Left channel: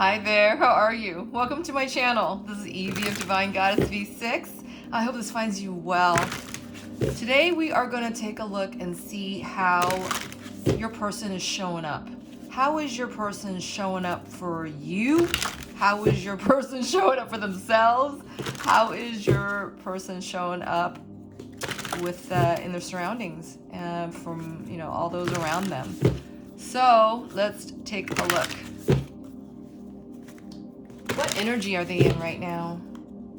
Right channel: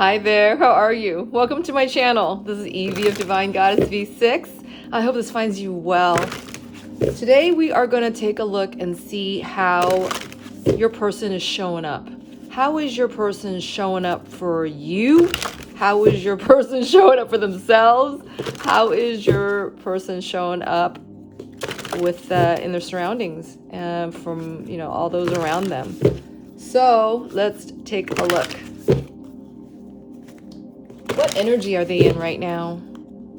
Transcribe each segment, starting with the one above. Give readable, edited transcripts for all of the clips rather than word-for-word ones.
Hi there, how are you? Welcome to my channel. This is Evie of Divine Goddess V6. I hope this finds you well. Today we are going to take a look and see how your person is showing up. How is your person showing up for you? How is your person showing up for themselves? How is your person showing up with in their surroundings and from all those around them? So let's take a look. What energy are they in right now?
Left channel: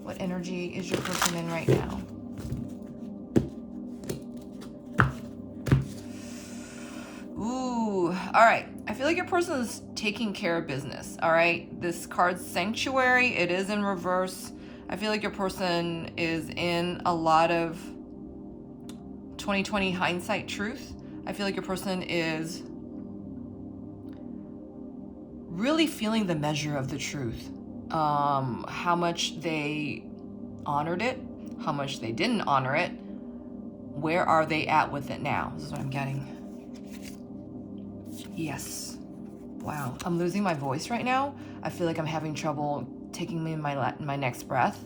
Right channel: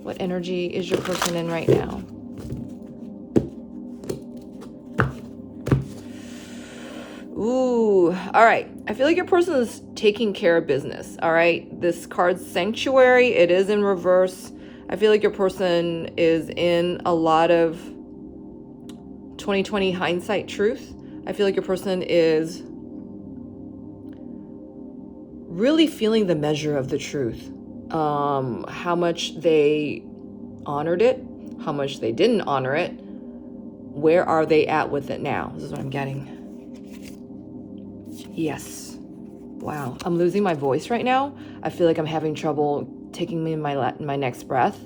What energy is your person in right now? Ooh, all right. I feel like your person is taking care of business, all right? This card's Sanctuary. It is in reverse. I feel like your person is in a lot of 2020 hindsight truth. I feel like your person is really feeling the measure of the truth. How much they honored it, how much they didn't honor it, where are they at with it now? This is what I'm getting. Yes. Wow, I'm losing my voice right now. I feel like I'm having trouble taking in my next breath.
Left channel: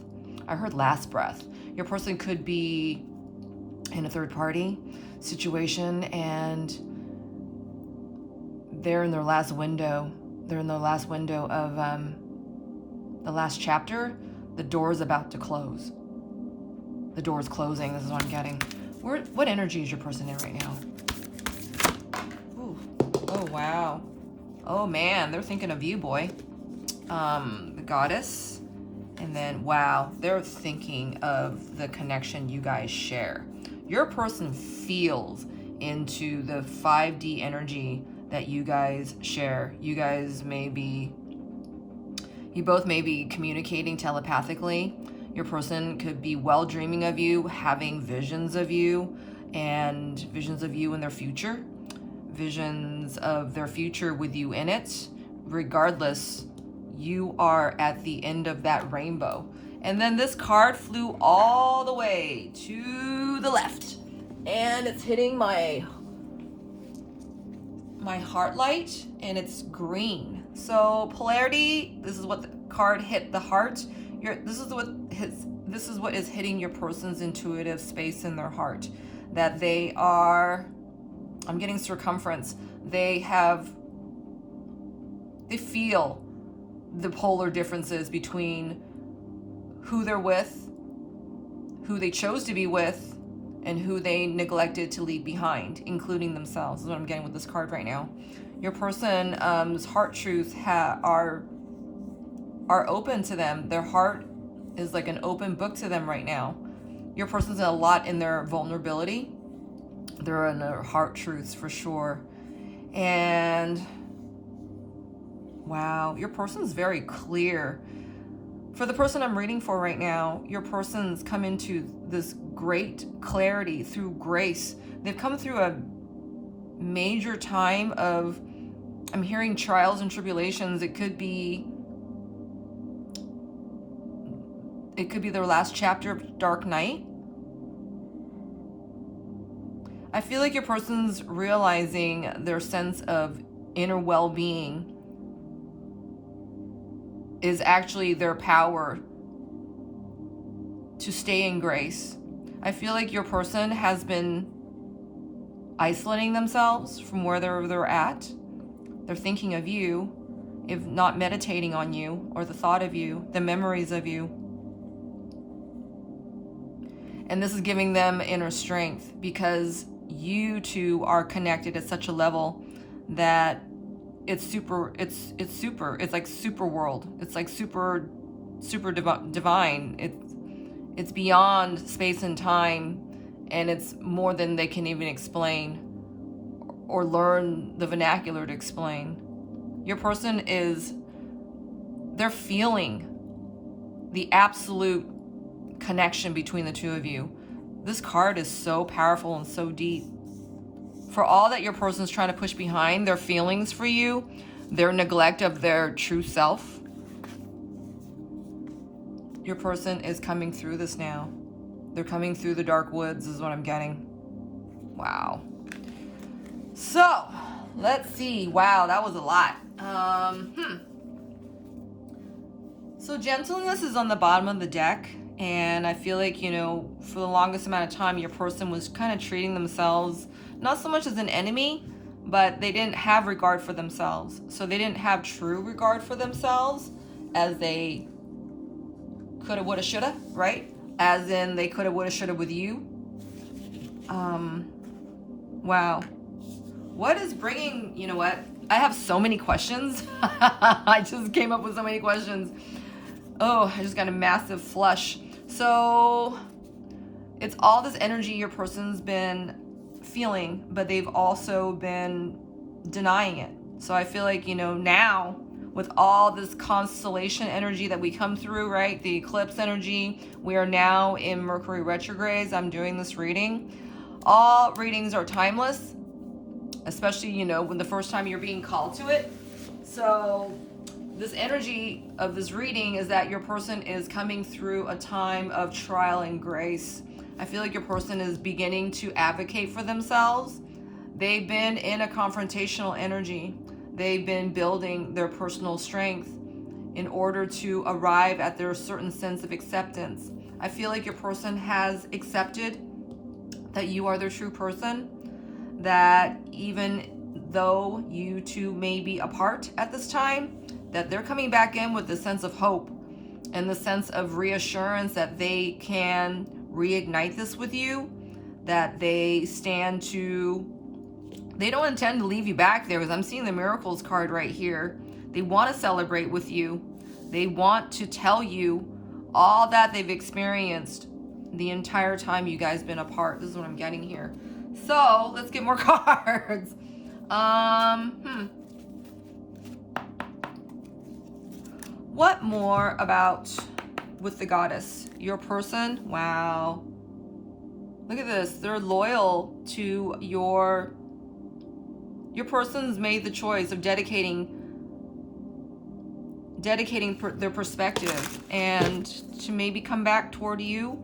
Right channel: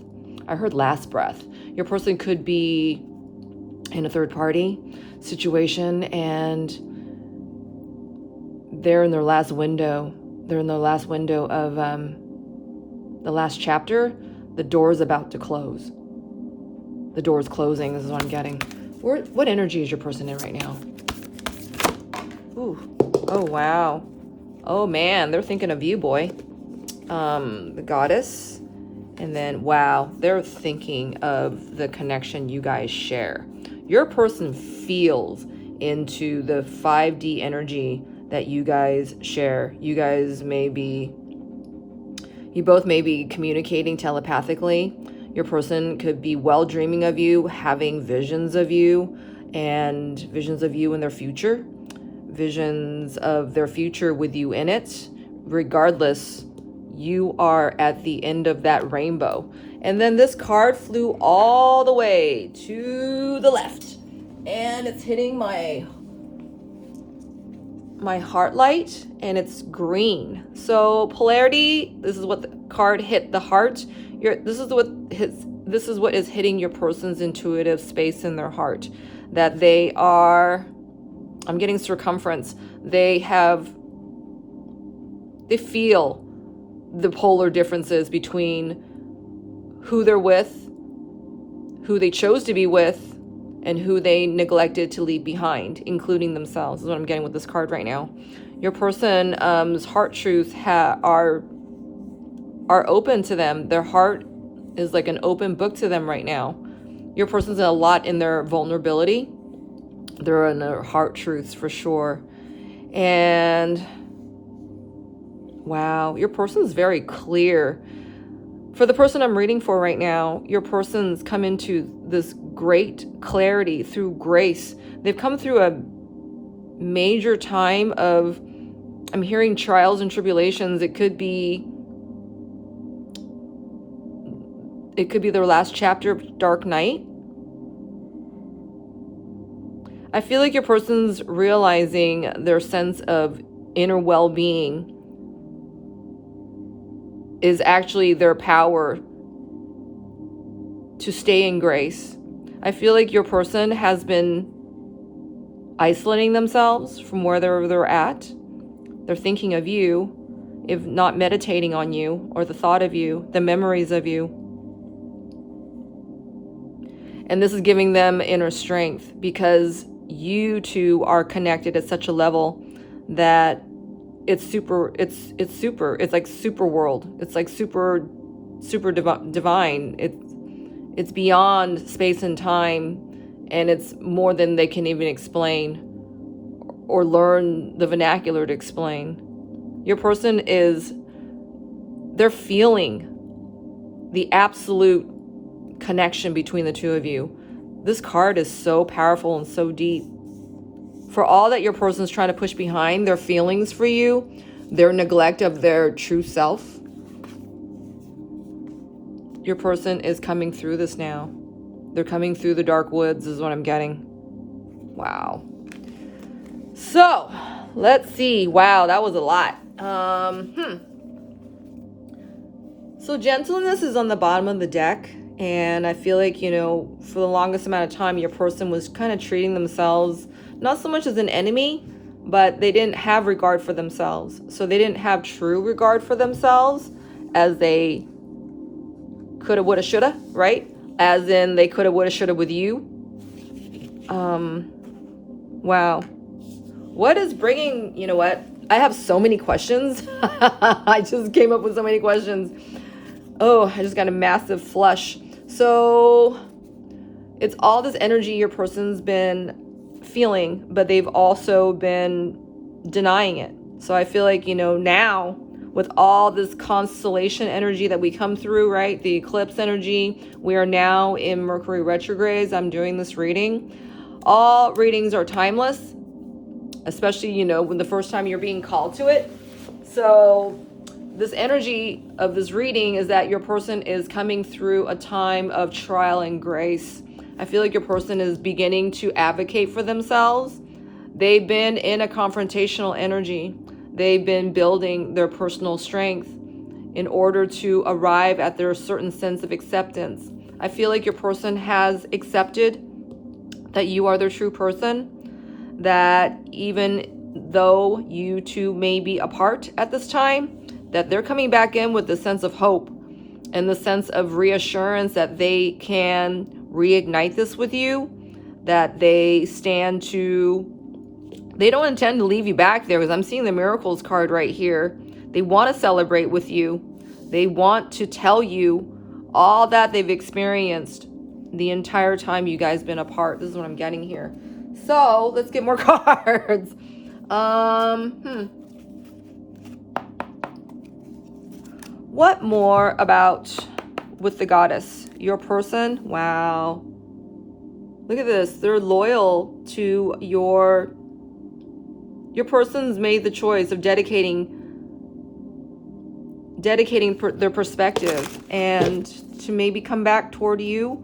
I heard last breath. Your person could be in a third party situation and they're in their last window. They're in the last window of the last chapter. The door is about to close. The door is closing. This is what I'm getting. What energy is your person in right now? Ooh. Oh, wow. Oh, man. They're thinking of you, boy. The goddess. And then, wow, they're thinking of the connection you guys share. Your person feels into the 5D energy that you guys share. You both may be communicating telepathically. Your person could be well dreaming of you, having visions of you, and visions of you in their future. Visions of their future with you in it. Regardless, you are at the end of that rainbow. And then this card flew all the way to the left. And it's hitting my heart light, and it's green. So polarity, this is what the card hit the heart. This is what is hitting your person's intuitive space in their heart. That they are, I'm getting circumference. They feel the polar differences between who they're with, who they chose to be with, and who they neglected to leave behind, including themselves, is what I'm getting with this card right now. Your person's heart truths are open to them. Their heart is like an open book to them right now. Your person's a lot in their vulnerability. They're in their heart truths for sure. And wow, your person's very clear. For the person I'm reading for right now, your person's come into this great clarity through grace. They've come through a major time of, I'm hearing trials and tribulations. It could be their last chapter of Dark Night. I feel like your person's realizing their sense of inner well-being is actually their power to stay in grace. I feel like your person has been isolating themselves from where they're at. They're thinking of you, if not meditating on you, or the thought of you, the memories of you. And this is giving them inner strength because you two are connected at such a level that it's like super world. It's like super divine. It's beyond space and time, and it's more than they can even explain or learn the vernacular to explain. Your person they're feeling the absolute connection between the two of you. This card is so powerful and so deep. For all that your person's trying to push behind, their feelings for you, their neglect of their true self, your person is coming through this now. They're coming through the dark woods is what I'm getting. Wow. So, let's see. Wow, that was a lot. So gentleness is on the bottom of the deck. And I feel like, for the longest amount of time, your person was kind of treating themselves not so much as an enemy, but they didn't have regard for themselves. So they didn't have true regard for themselves as they coulda, woulda, shoulda, right? As in they coulda, woulda, shoulda with you. Wow. What is bringing, you know what? I have so many questions. I just came up with so many questions. Oh, I just got a massive flush. So it's all this energy your person's been feeling, but they've also been denying it. So I feel like, now with all this constellation energy that we come through, right? The eclipse energy, we are now in Mercury retrogrades. I'm doing this reading. All readings are timeless, especially, when the first time you're being called to it. So this energy of this reading is that your person is coming through a time of trial and grace. I feel like your person is beginning to advocate for themselves. They've been in a confrontational energy. They've been building their personal strength in order to arrive at their certain sense of acceptance. I feel like your person has accepted that you are their true person, that even though you two may be apart at this time, that they're coming back in with the sense of hope and the sense of reassurance that they can reignite this with you, that they don't intend to leave you back there, because I'm seeing the miracles card right here. They want to celebrate with you. They want to tell you all that they've experienced the entire time you guys been apart. This is what I'm getting here. So let's get more cards. What more about with the goddess? Your person? Wow. Look at this. They're loyal to your person's made the choice of dedicating their perspective and to maybe come back toward you.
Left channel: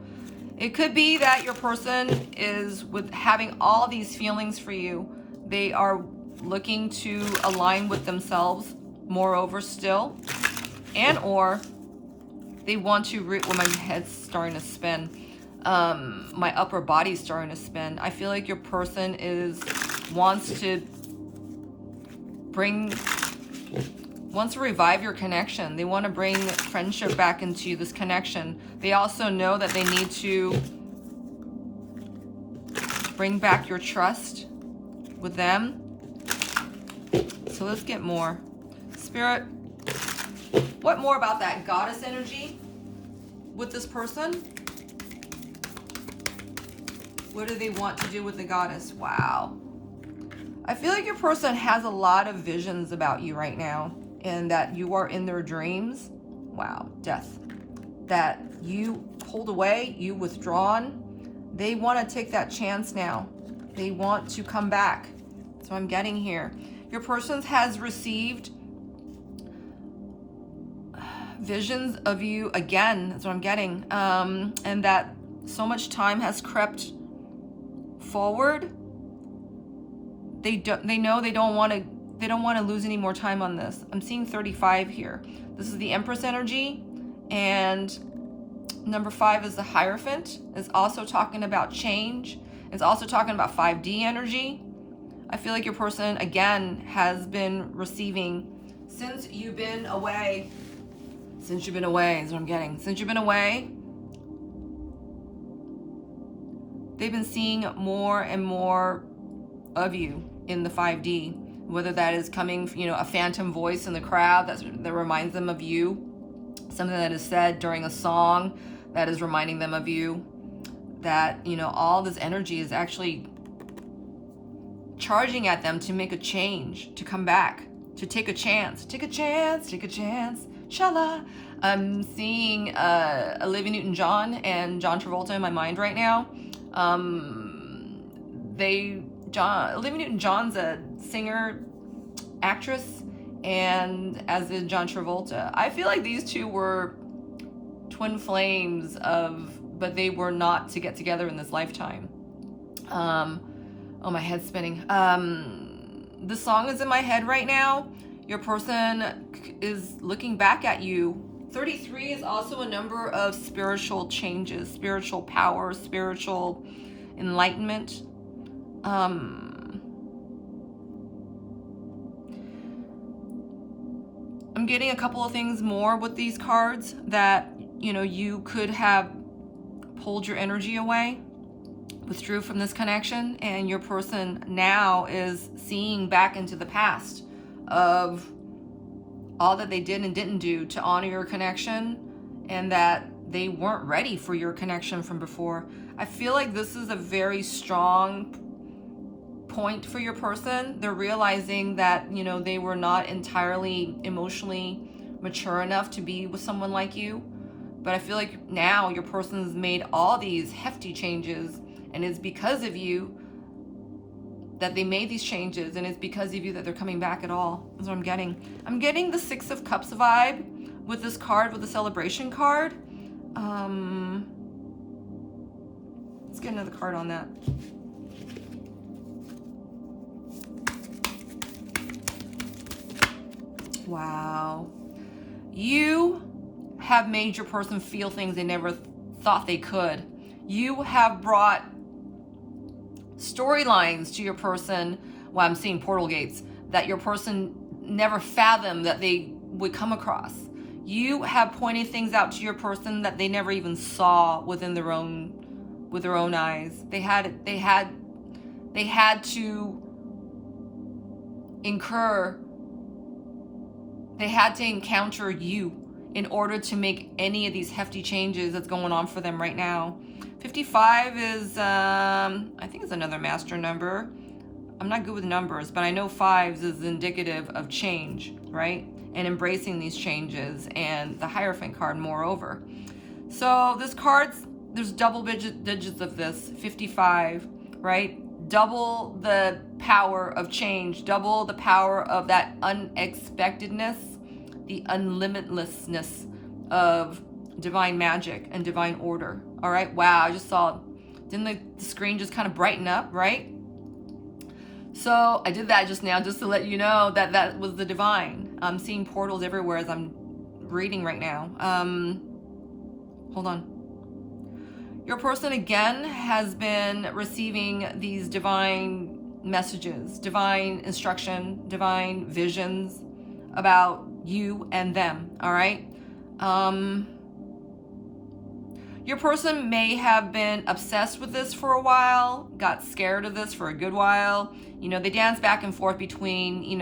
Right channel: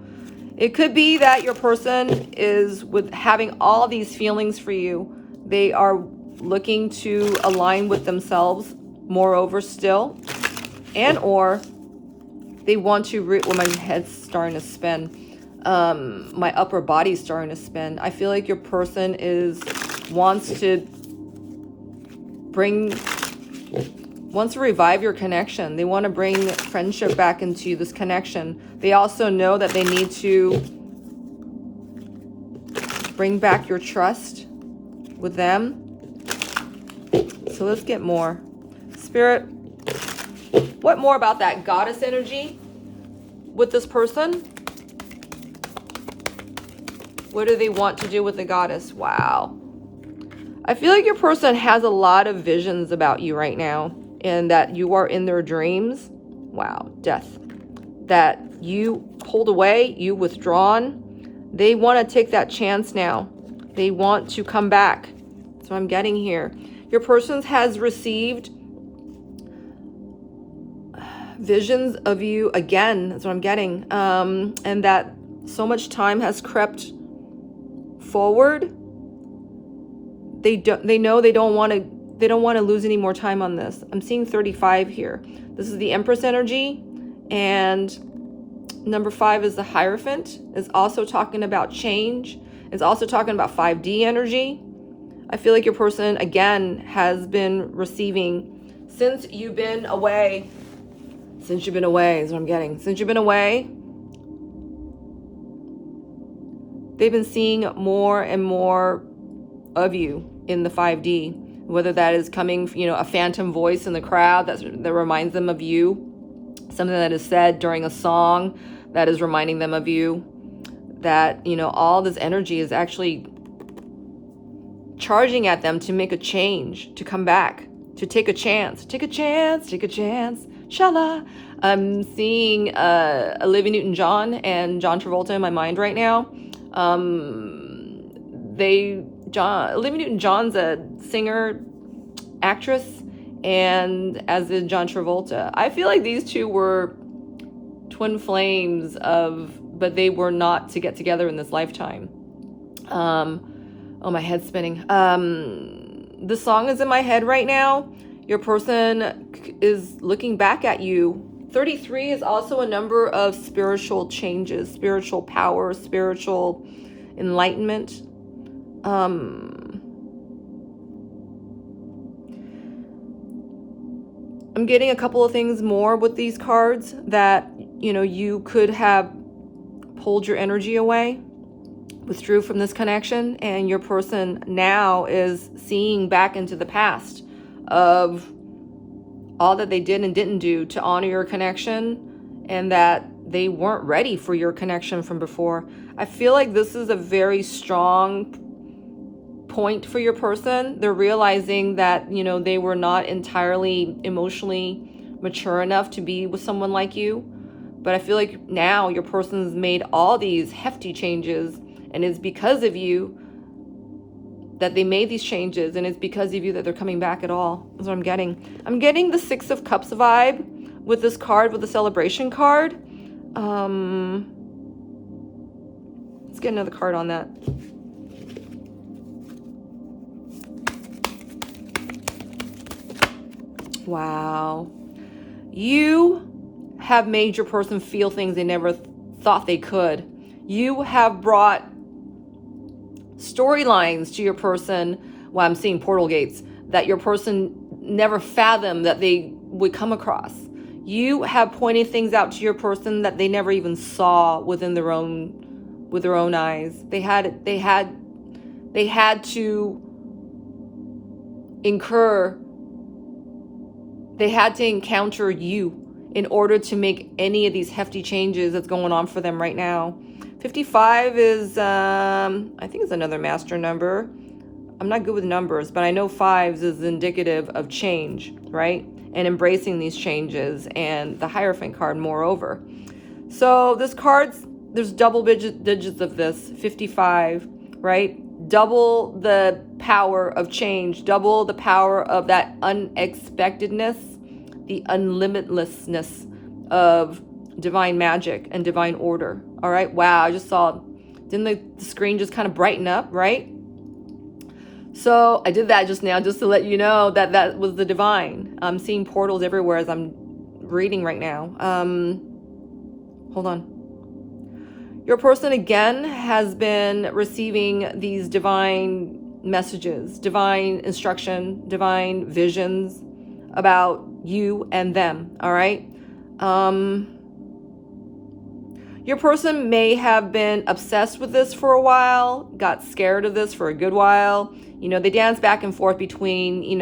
It could be that your person is with having all these feelings for you. They are looking to align with themselves moreover still, and or they want to well, my head's starting to spin. My upper body's starting to spin. I feel like your person wants to revive your connection. They want to bring friendship back into this connection. They also know that they need to bring back your trust with them. So let's get more. Spirit, what more about that goddess energy with this person? What do they want to do with the goddess? Wow. I feel like your person has a lot of visions about you right now, and that you are in their dreams. Wow, death. That you pulled away, you withdrawn. They want to take that chance now. They want to come back. That's what I'm getting here. Your person has received visions of you again. That's what I'm getting. And that so much time has crept forward. They know they don't want to lose any more time on this. I'm seeing 35 here. This is the Empress energy, and number 5 is the Hierophant. It's also talking about change. It's also talking about 5D energy. I feel like your person again has been receiving since you've been away. Since you've been away is what I'm getting. Since you've been away, they've been seeing more and more of you in the 5D, whether that is coming, a phantom voice in the crowd that reminds them of you, something that is said during a song that is reminding them of you, that, all this energy is actually charging at them to make a change, to come back, to take a chance, shala. I'm seeing Olivia Newton-John and John Travolta in my mind right now. Olivia Newton-John's a singer, actress, and as is John Travolta. I feel like these two were twin flames but they were not to get together in this lifetime. Oh, my head's spinning. The song is in my head right now. Your person is looking back at you 33 is also a number of spiritual changes, spiritual power, spiritual enlightenment. I'm getting a couple of things more with these cards that, you could have pulled your energy away, withdrew from this connection, and your person now is seeing back into the past of all that they did and didn't do to honor your connection, and that they weren't ready for your connection from before. I feel like this is a very strong point for your person. They're realizing that, they were not entirely emotionally mature enough to be with someone like you. But I feel like now your person's made all these hefty changes, and it's because of you that they made these changes, and it's because of you that they're coming back at all. That's what I'm getting. I'm getting the Six of Cups vibe with this card, with the celebration card. Let's get another card on that. Wow. You have made your person feel things they never thought they could. You have brought storylines to your person. Well, I'm seeing portal gates that your person never fathomed that they would come across. You have pointed things out to your person that they never even saw with their own eyes. They had to encounter you in order to make any of these hefty changes that's going on for them right now. 55 is, I think it's another master number. I'm not good with numbers, but I know fives is indicative of change, right? And embracing these changes, and the Hierophant card moreover. So this card, there's double digits of this, 55, right? Double the power of change, double the power of that unexpectedness, the unlimitlessness of divine magic and divine order. All right. Wow. I just saw, didn't the screen just kind of brighten up, right? So I did that just now, just to let you know that that was the divine. I'm seeing portals everywhere as I'm reading right now. Hold on. Your person again has been receiving these divine messages, divine instruction, divine visions about you and them. All right. Your person may have been obsessed with this for a while, got scared of this for a good while. They dance back and forth between,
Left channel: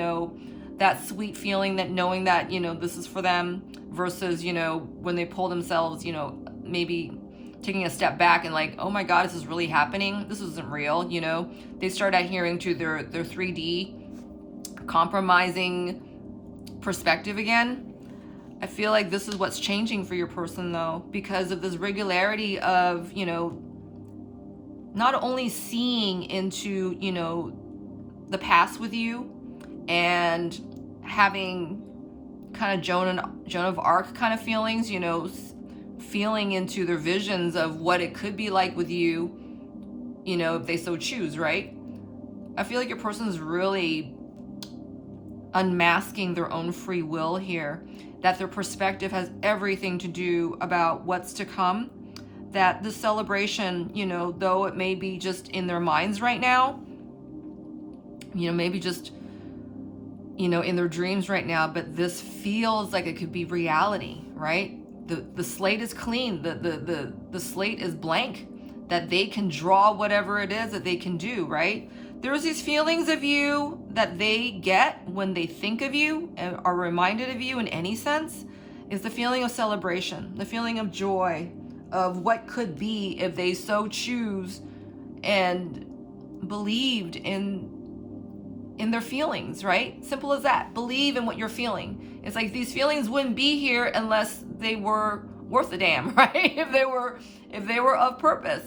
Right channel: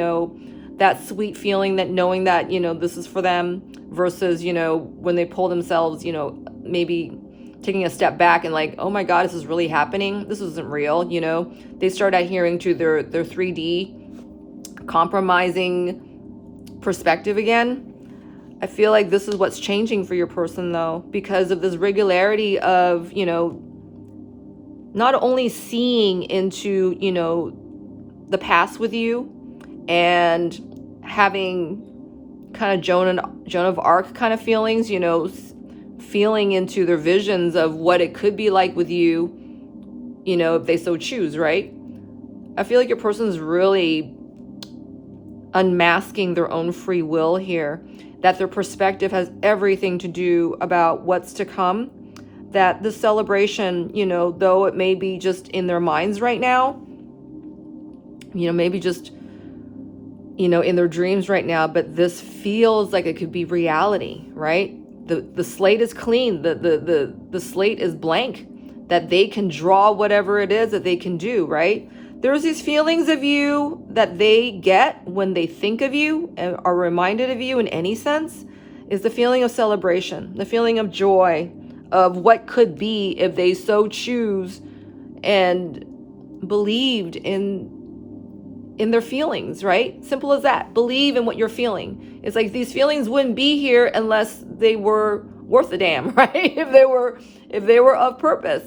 that sweet feeling, that knowing that, this is for them, versus, when they pull themselves, maybe taking a step back and like, oh my God, this is really happening. This isn't real. They start adhering to their 3D compromising perspective again. I feel like this is what's changing for your person, though, because of this regularity of, not only seeing into, the past with you and having kind of Joan of Arc kind of feelings, feeling into their visions of what it could be like with you, if they so choose, right? I feel like your person's really unmasking their own free will here, that their perspective has everything to do about what's to come, that the celebration, though it may be just in their minds right now, maybe just, in their dreams right now, but this feels like it could be reality, right? The slate is clean, the slate is blank, that they can draw whatever it is that they can do, right? There's these feelings of you that they get when they think of you and are reminded of you in any sense, is the feeling of celebration, the feeling of joy, of what could be if they so choose and believed in their feelings, right? Simple as that. Believe in what you're feeling. It's like these feelings wouldn't be here unless they were worth a damn, right? If they were of purpose.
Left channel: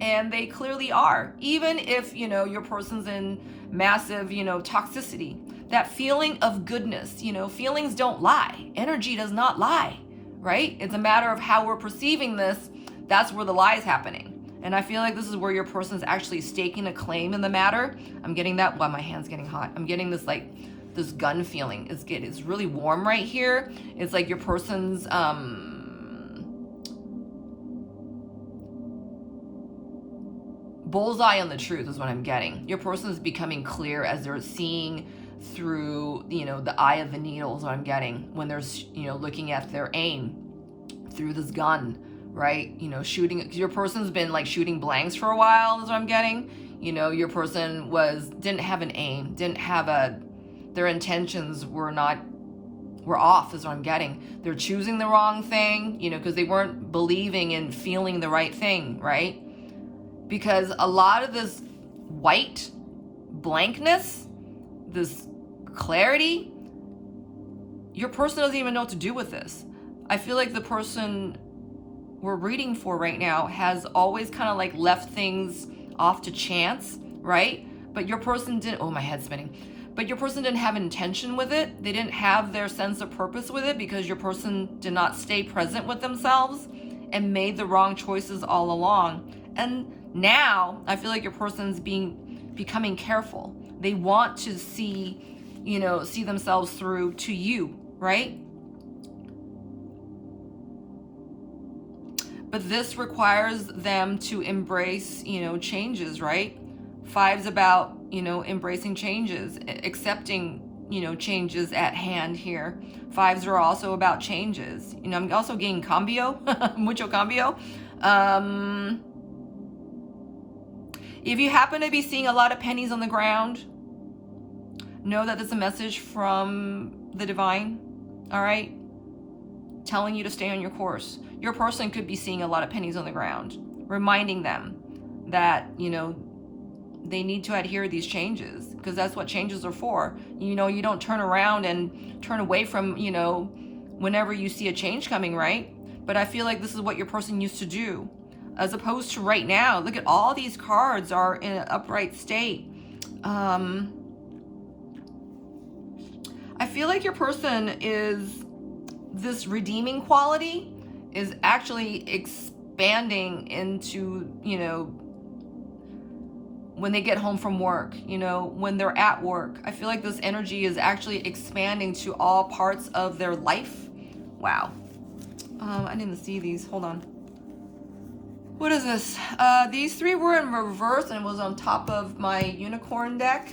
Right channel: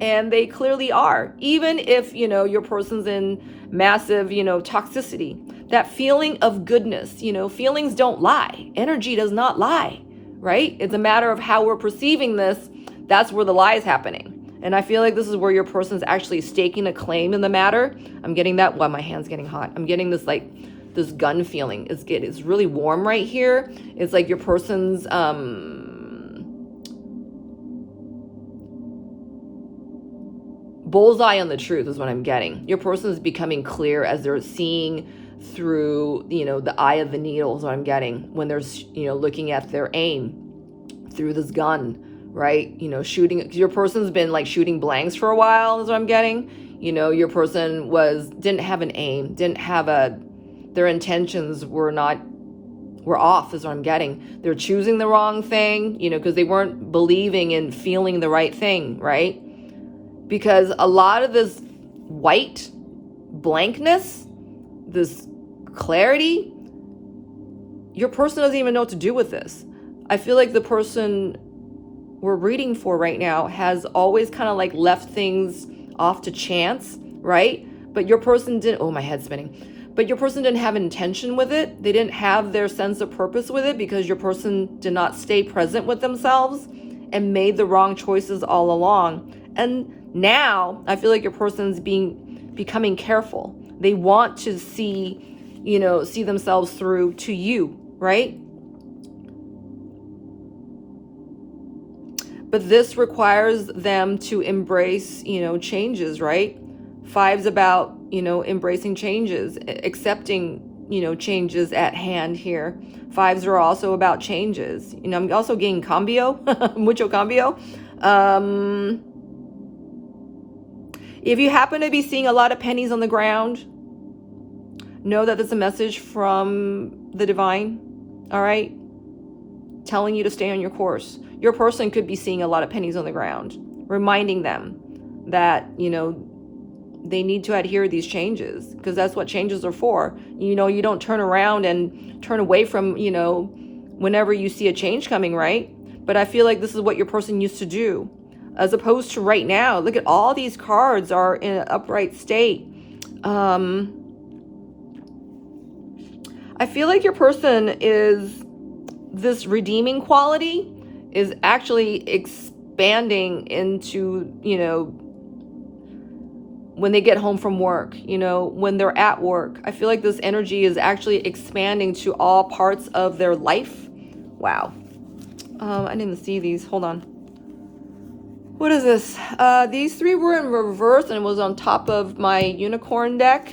And they clearly are. Even if, your person's in massive, toxicity, that feeling of goodness, feelings don't lie. Energy does not lie, right? It's a matter of how we're perceiving this. That's where the lie is happening. And I feel like this is where your person's actually staking a claim in the matter. I'm getting that. Well, my hand's getting hot. I'm getting this like this gun feeling. It's really warm right here. It's like your person's bullseye on the truth is what I'm getting. Your person is becoming clear as they're seeing through, the eye of the needle is what I'm getting when they're, looking at their aim through this gun, right? Shooting, your person's been like shooting blanks for a while is what I'm getting. Your person didn't have an aim, their intentions were off is what I'm getting. They're choosing the wrong thing, because they weren't believing and feeling the right thing, right? Because a lot of this white blankness, this clarity, your person doesn't even know what to do with this. I feel like the person we're reading for right now has always kind of like left things off to chance, right? But your person didn't, oh, my head's spinning. But your person didn't have intention with it. They didn't have their sense of purpose with it because your person did not stay present with themselves and made the wrong choices all along. And now I feel like your person's becoming careful. They want to see themselves through to you, right? But this requires them to embrace, changes, right? 5's about, embracing changes, accepting, changes at hand here. 5's are also about changes. I'm also getting cambio, mucho cambio. If you happen to be seeing a lot of pennies on the ground, know that it's a message from the divine, all right? Telling you to stay on your course. Your person could be seeing a lot of pennies on the ground, reminding them that, they need to adhere to these changes because that's what changes are for. You don't turn around and turn away from, whenever you see a change coming, right? But I feel like this is what your person used to do. As opposed to right now, look at all these cards are in an upright state. I feel like your person this redeeming quality is actually expanding into, when they get home from work, when they're at work. I feel like this energy is actually expanding to all parts of their life. Wow. I didn't see these. Hold on. What is this? These 3 were in reverse and it was on top of my unicorn deck.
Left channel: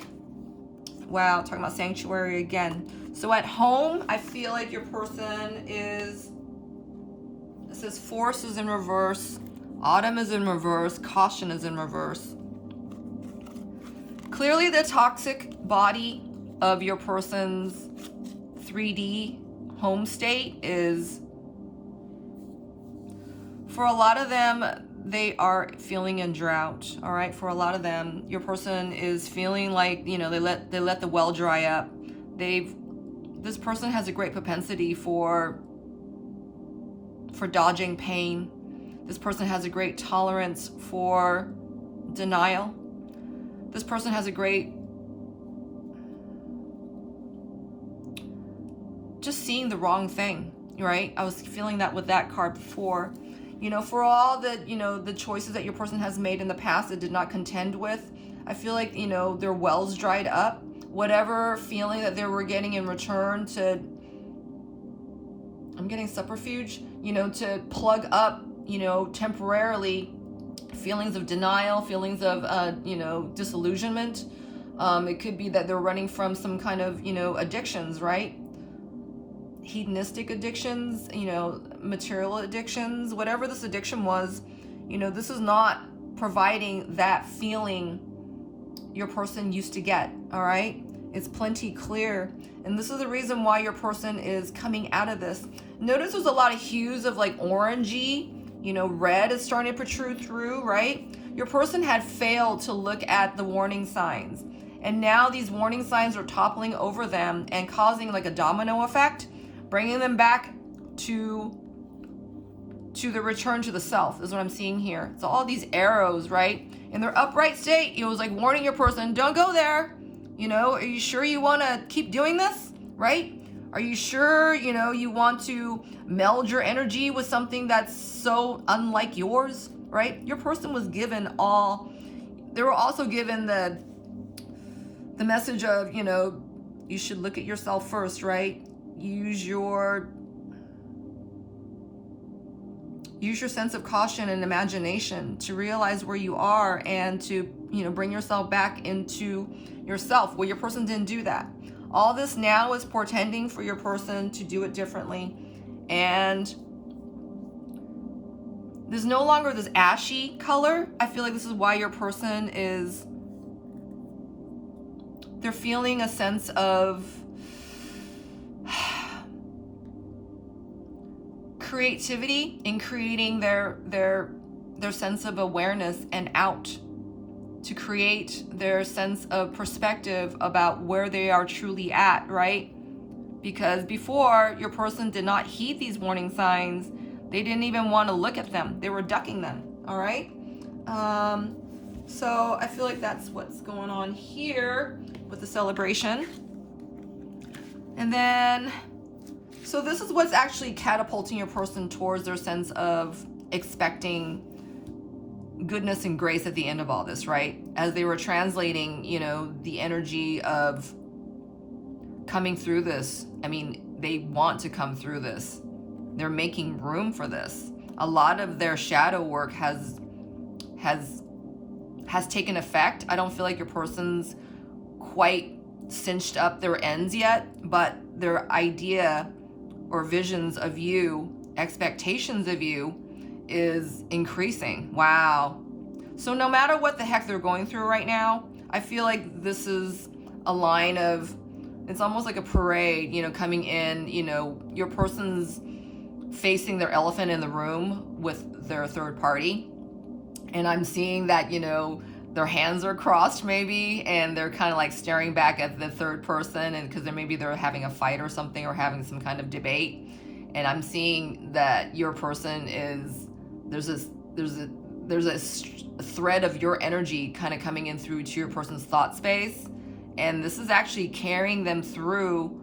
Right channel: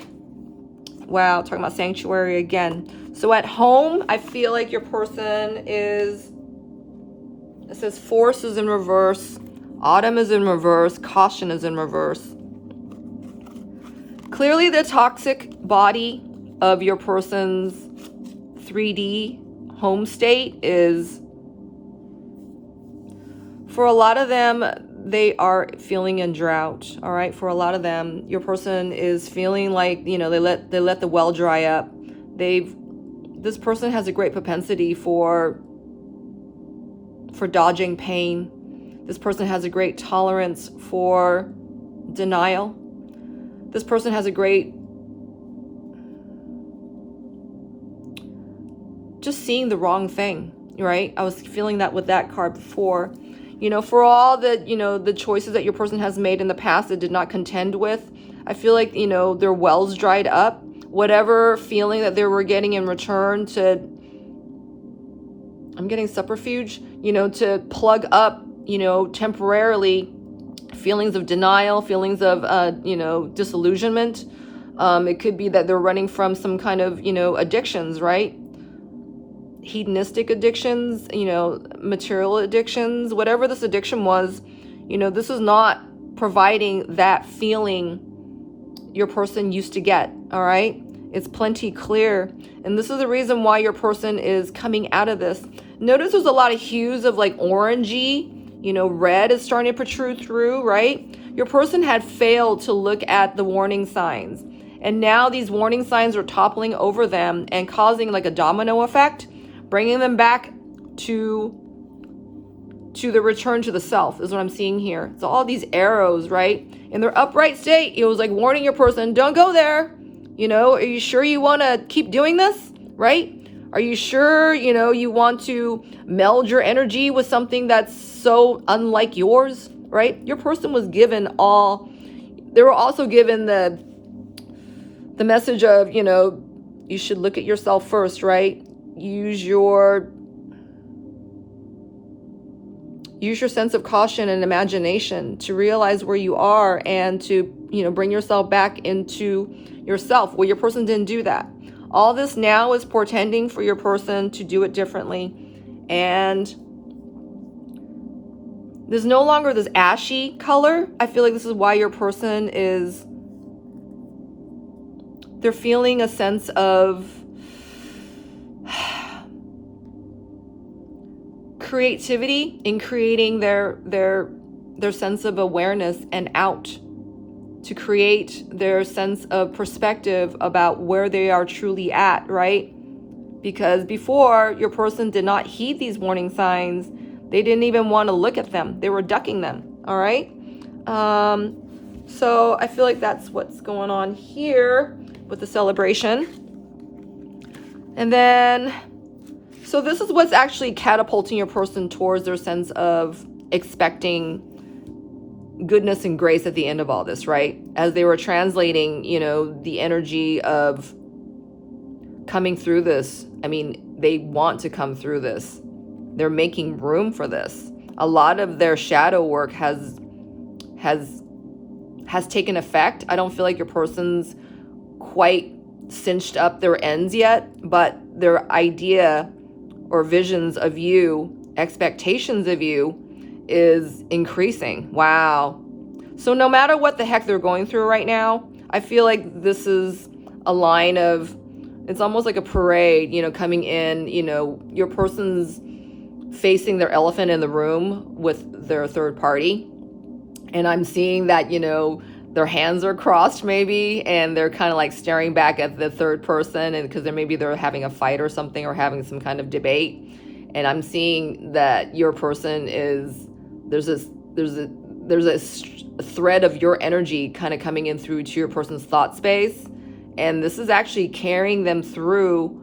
Wow, talking about sanctuary again. So at home, I feel like your person it says force is in reverse, autumn is in reverse, caution is in reverse. Clearly the toxic body of your person's 3D home state is, for a lot of them, they are feeling in drought. All right, for a lot of them, your person is feeling like they let the well dry up. This person has a great propensity for dodging pain. This person has a great tolerance for denial. This person has a great just seeing the wrong thing, right? I was feeling that with that card before. For all the choices that your person has made in the past that did not contend with, I feel like, their wells dried up. Whatever feeling that they were getting in return I'm getting subterfuge, to plug up, temporarily feelings of denial, feelings of, disillusionment. It could be that they're running from some kind of, addictions, right? Hedonistic addictions, material addictions, whatever this addiction was, this is not providing that feeling your person used to get, all right? It's plenty clear. And this is the reason why your person is coming out of this. Notice there's a lot of hues of like orangey, red is starting to protrude through, right? Your person had failed to look at the warning signs. And now these warning signs are toppling over them and causing like a domino effect, bringing them back to the return to the self is what I'm seeing here. So all these arrows, right? In their upright state, it was like warning your person, don't go there. Are you sure you want to keep doing this, right? Are you sure, you want to meld your energy with something that's so unlike yours, right? Your person was given they were also given the message of, you should look at yourself first, right? Use your sense of caution and imagination to realize where you are and to, bring yourself back into yourself. Well, your person didn't do that. All this now is portending for your person to do it differently. And there's no longer this ashy color. I feel like this is why your person they're feeling a sense of creativity in creating their sense of awareness and out to create their sense of perspective about where they are truly at, right? Because before, your person did not heed these warning signs. They didn't even want to look at them. They were ducking them, all right? So I feel like that's what's going on here with the celebration. And then, so this is what's actually catapulting your person towards their sense of expecting goodness and grace at the end of all this, right? As they were translating, the energy of coming through this. I mean, they want to come through this. They're making room for this. A lot of their shadow work has taken effect. I don't feel like your person's quite cinched up their ends yet, but their idea or visions of you, expectations of you is increasing. Wow. So no matter what the heck they're going through right now, I feel like this is a line of, it's almost like a parade, coming in, your person's facing their elephant in the room with their third party. And I'm seeing that, their hands are crossed maybe, and they're kind of like staring back at the third person, and because they're having a fight or something, or having some kind of debate. And I'm seeing that your person there's a thread of your energy kind of coming in through to your person's thought space. And this is actually carrying them through,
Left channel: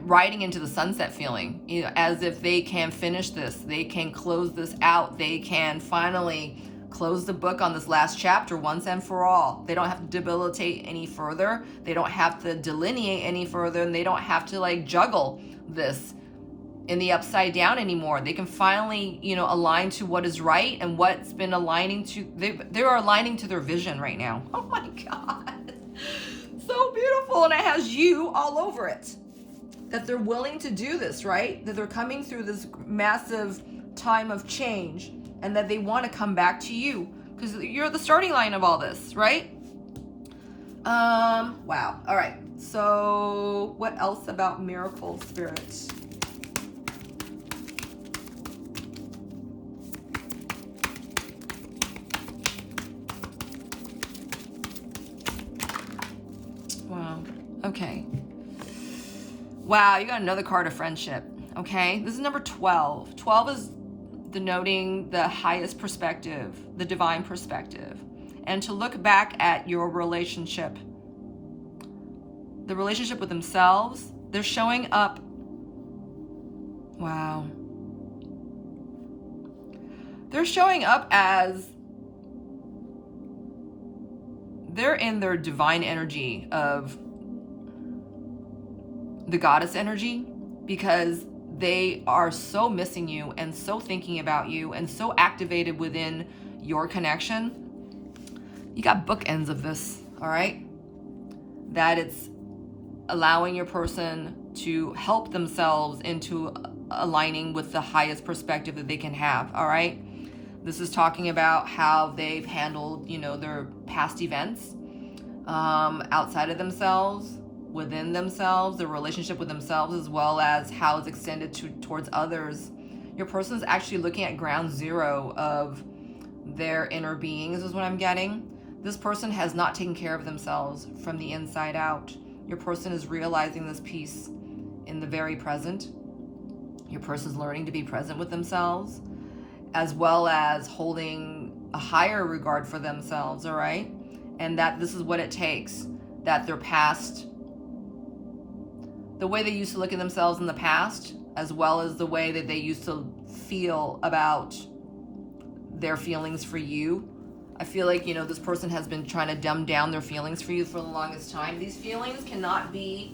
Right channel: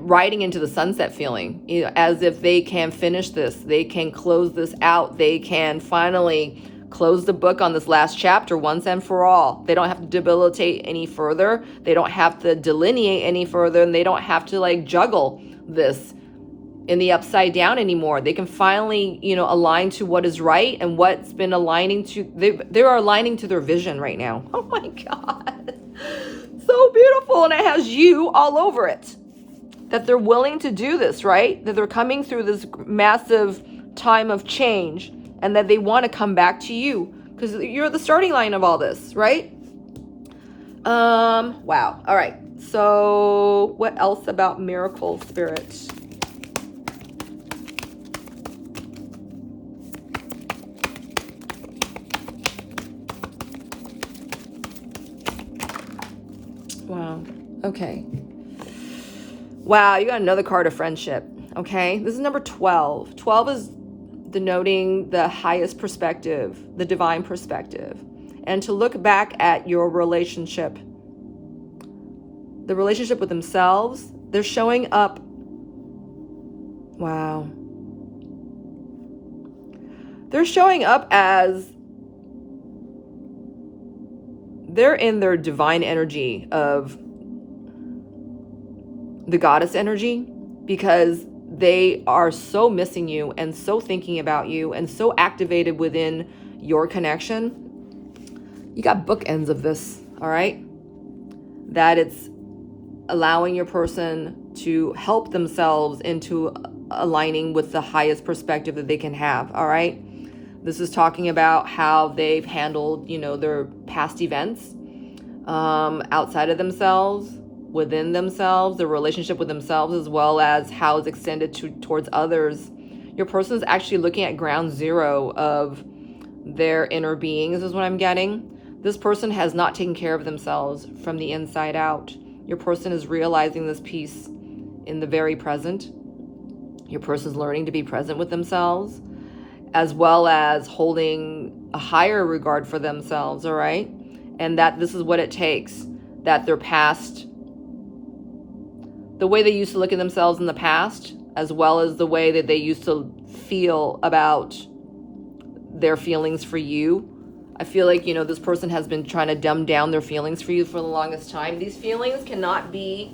riding into the sunset feeling, as if they can finish this, they can close this out, they can finally close the book on this last chapter once and for all. They don't have to debilitate any further. They don't have to delineate any further, and they don't have to juggle this in the upside down anymore. They can finally, align to what is right and what's been aligning to, they are aligning to their vision right now. Oh my God. So beautiful. And it has you all over it. That they're willing to do this, right? That they're coming through this massive time of change, and that they want to come back to you because you're the starting line of all this, right? Wow. All right. So what else about miracle spirit? Wow. Okay. Wow, you got another card of friendship. Okay, this is number 12. 12 is denoting the highest perspective, the divine perspective, and to look back at your relationship, the relationship with themselves. They're showing up. Wow. They're showing up as they're in their divine energy of the goddess energy, because they are so missing you and so thinking about you and so activated within your connection. You got bookends of this, all right? That it's allowing your person to help themselves into aligning with the highest perspective that they can have, all right? This is talking about how they've handled, their past events outside of themselves, within themselves, their relationship with themselves, as well as how it's extended towards others. Your person is actually looking at ground zero of their inner being. This is what I'm getting. This person has not taken care of themselves from the inside out. Your person is realizing this piece in the very present. Your person is learning to be present with themselves, as well as holding a higher regard for themselves, all right? And that this is what it takes, that their past, the way they used to look at themselves in the past, as well as the way that they used to feel about their feelings for you, I feel like, you know, this person has been trying to dumb down their feelings for you for the longest time. These feelings cannot be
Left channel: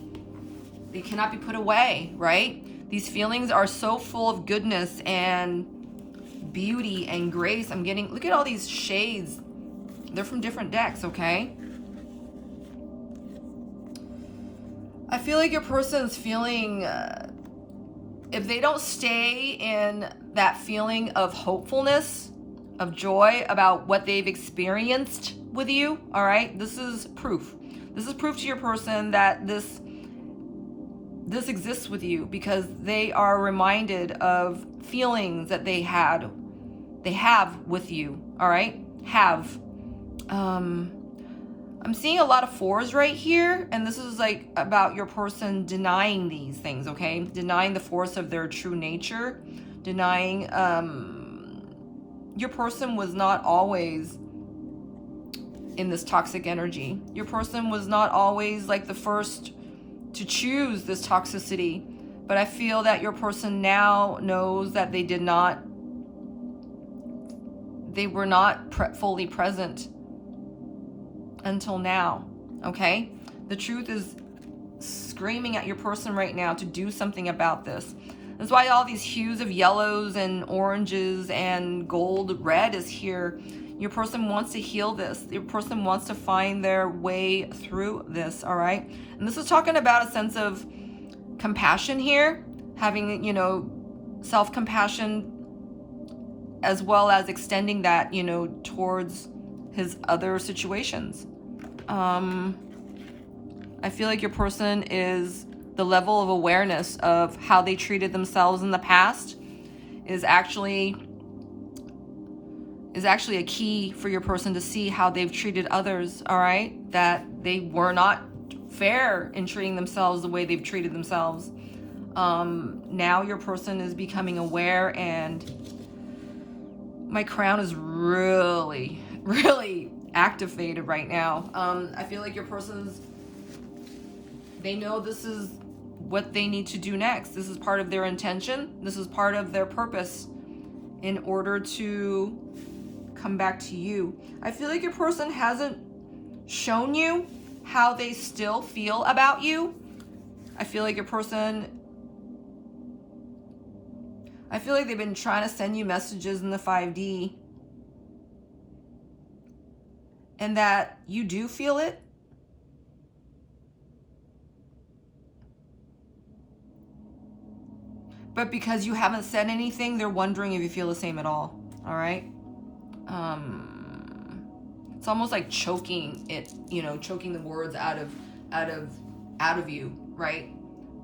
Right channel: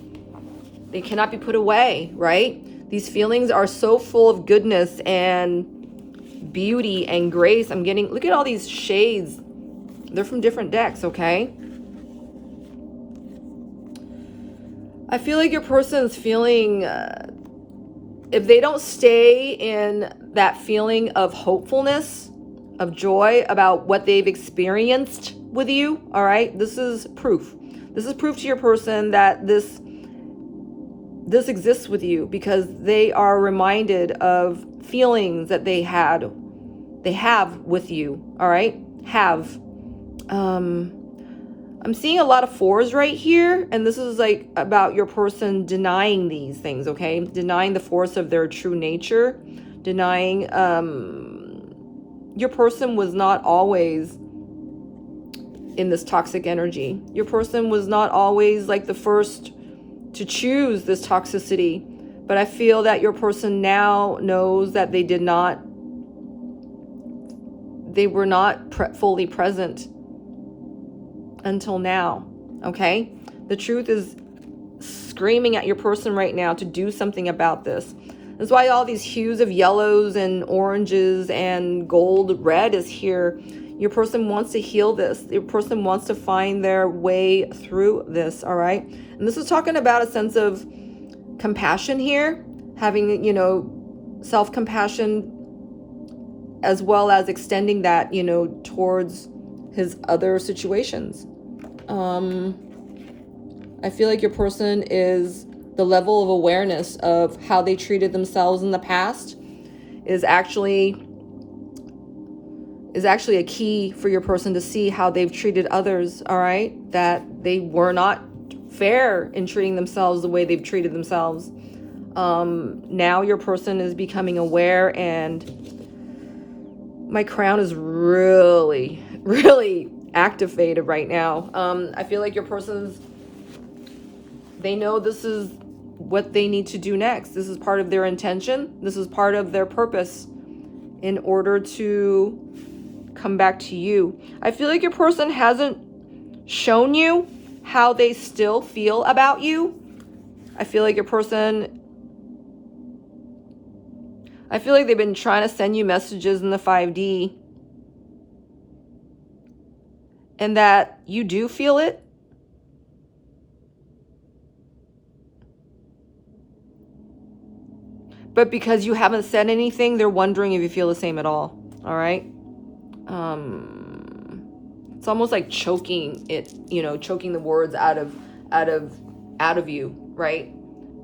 put away, right? These feelings are so full of goodness and beauty and grace. I'm getting, look at all these shades. They're from different decks, okay? I feel like your person's feeling, if they don't stay in that feeling of hopefulness, of joy about what they've experienced with you, all right? This is proof. This is proof to your person that this exists with you, because they are reminded of feelings that they have with you, all right? I'm seeing a lot of 4s right here, and this is like about your person denying these things, okay? Denying the force of their true nature, denying, your person was not always in this toxic energy. Your person was not always like the first to choose this toxicity, but I feel that your person now knows that they were not fully present until now, okay? The truth is screaming at your person right now to do something about this. That's why all these hues of yellows and oranges and gold, red is here. Your person wants to heal this. Your person wants to find their way through this, all right? And this is talking about a sense of compassion here, having, you know, self-compassion, as well as extending that, you know, towards his other situations. I feel like your person is, the level of awareness of how they treated themselves in the past is actually a key for your person to see how they've treated others, all right? That they were not fair in treating themselves the way they've treated themselves. Now your person is becoming aware, and my crown is really, really activated right now. I feel like your person's, they know this is what they need to do next. This is part of their intention. This is part of their purpose in order to come back to you. I feel like your person hasn't shown you how they still feel about you. I feel like your person, I feel like they've been trying to send you messages in the 5D, and that you do feel it. But because you haven't said anything, they're wondering if you feel the same at all. All right. It's almost like choking it, you know, choking the words out of you, right?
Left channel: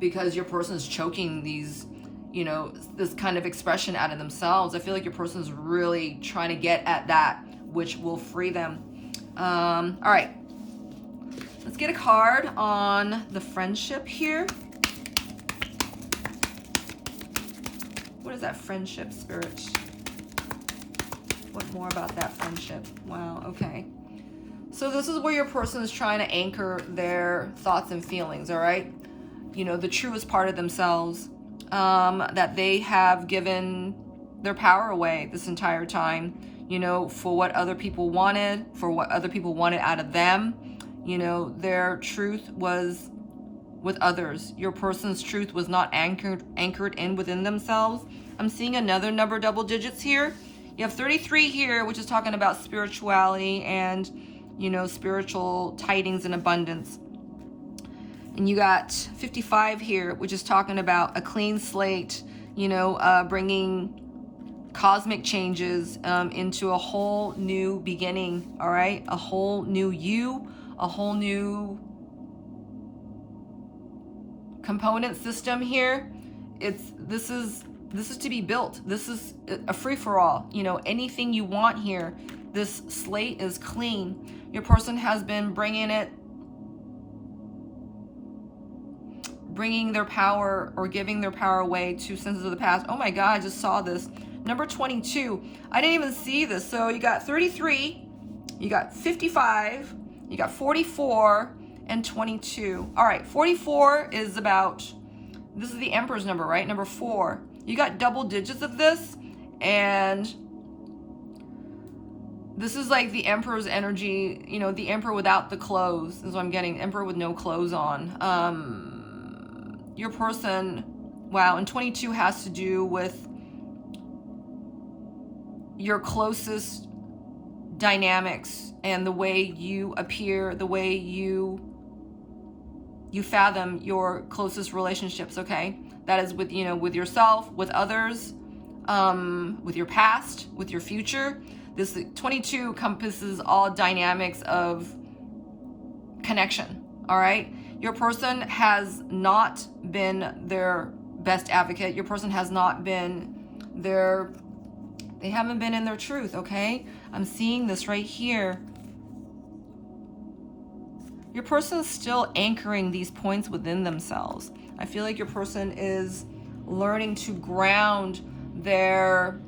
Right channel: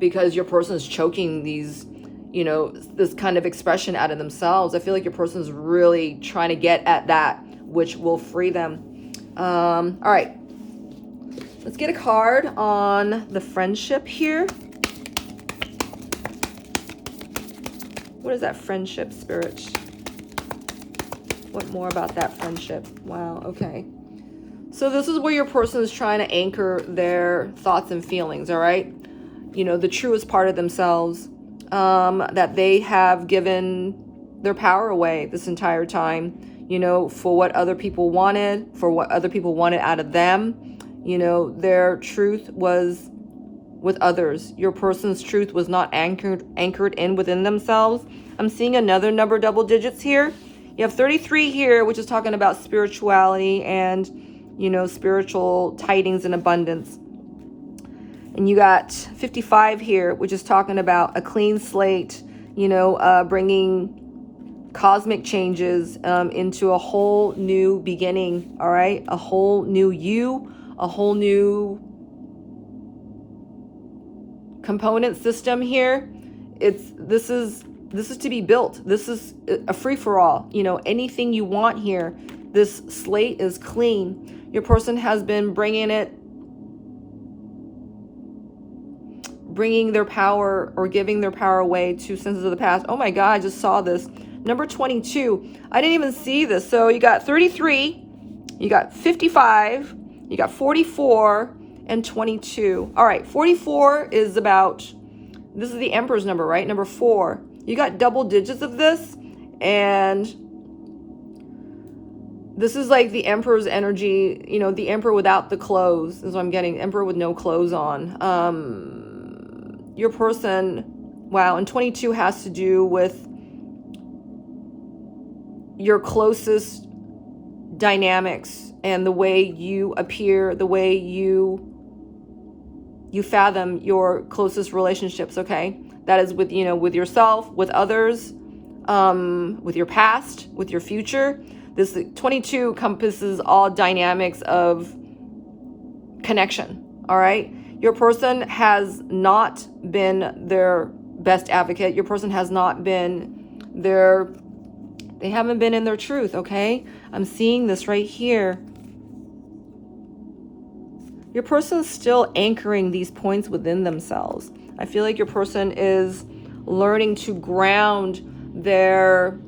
Because your person is choking these, you know, this kind of expression out of themselves. I feel like your person's really trying to get at that, which will free them. All right. Let's get a card on the friendship here. What is that friendship, Spirit? What more about that friendship? Wow, okay. So this is where your person is trying to anchor their thoughts and feelings, all right? You know, the truest part of themselves, that they have given their power away this entire time, you know, for what other people wanted, for what other people wanted out of them. You know, their truth was with others. Your person's truth was not anchored in within themselves. I'm seeing another number, double digits here. You have 33 here, which is talking about spirituality and, you know, spiritual tidings and abundance. And you got 55 here, which is talking about a clean slate, you know, bringing cosmic changes into a whole new beginning, all right? A whole new you, a whole new component system here. This is to be built. This is a free-for-all. You know, anything you want here. This slate is clean. Your person has been bringing their power or giving their power away to senses of the past. Oh my God, I just saw this. Number 22. I didn't even see this. So you got 33, you got 55, you got 44, and 22. All right, 44 is about, this is the Emperor's number, right? Number 4. You got double digits of this, and This is like the Emperor's energy, you know, the Emperor without the clothes is what I'm getting. Emperor with no clothes on. Your person, wow, and 22 has to do with your closest dynamics and the way you appear, the way you fathom your closest relationships, okay? That is with, you know, with yourself, with others, with your past, with your future. This 22 encompasses all dynamics of connection, all right? Your person has not been their best advocate. Your person has not been they haven't been in their truth, okay? I'm seeing this right here. Your person is still anchoring these points within themselves. I feel like your person is learning to ground their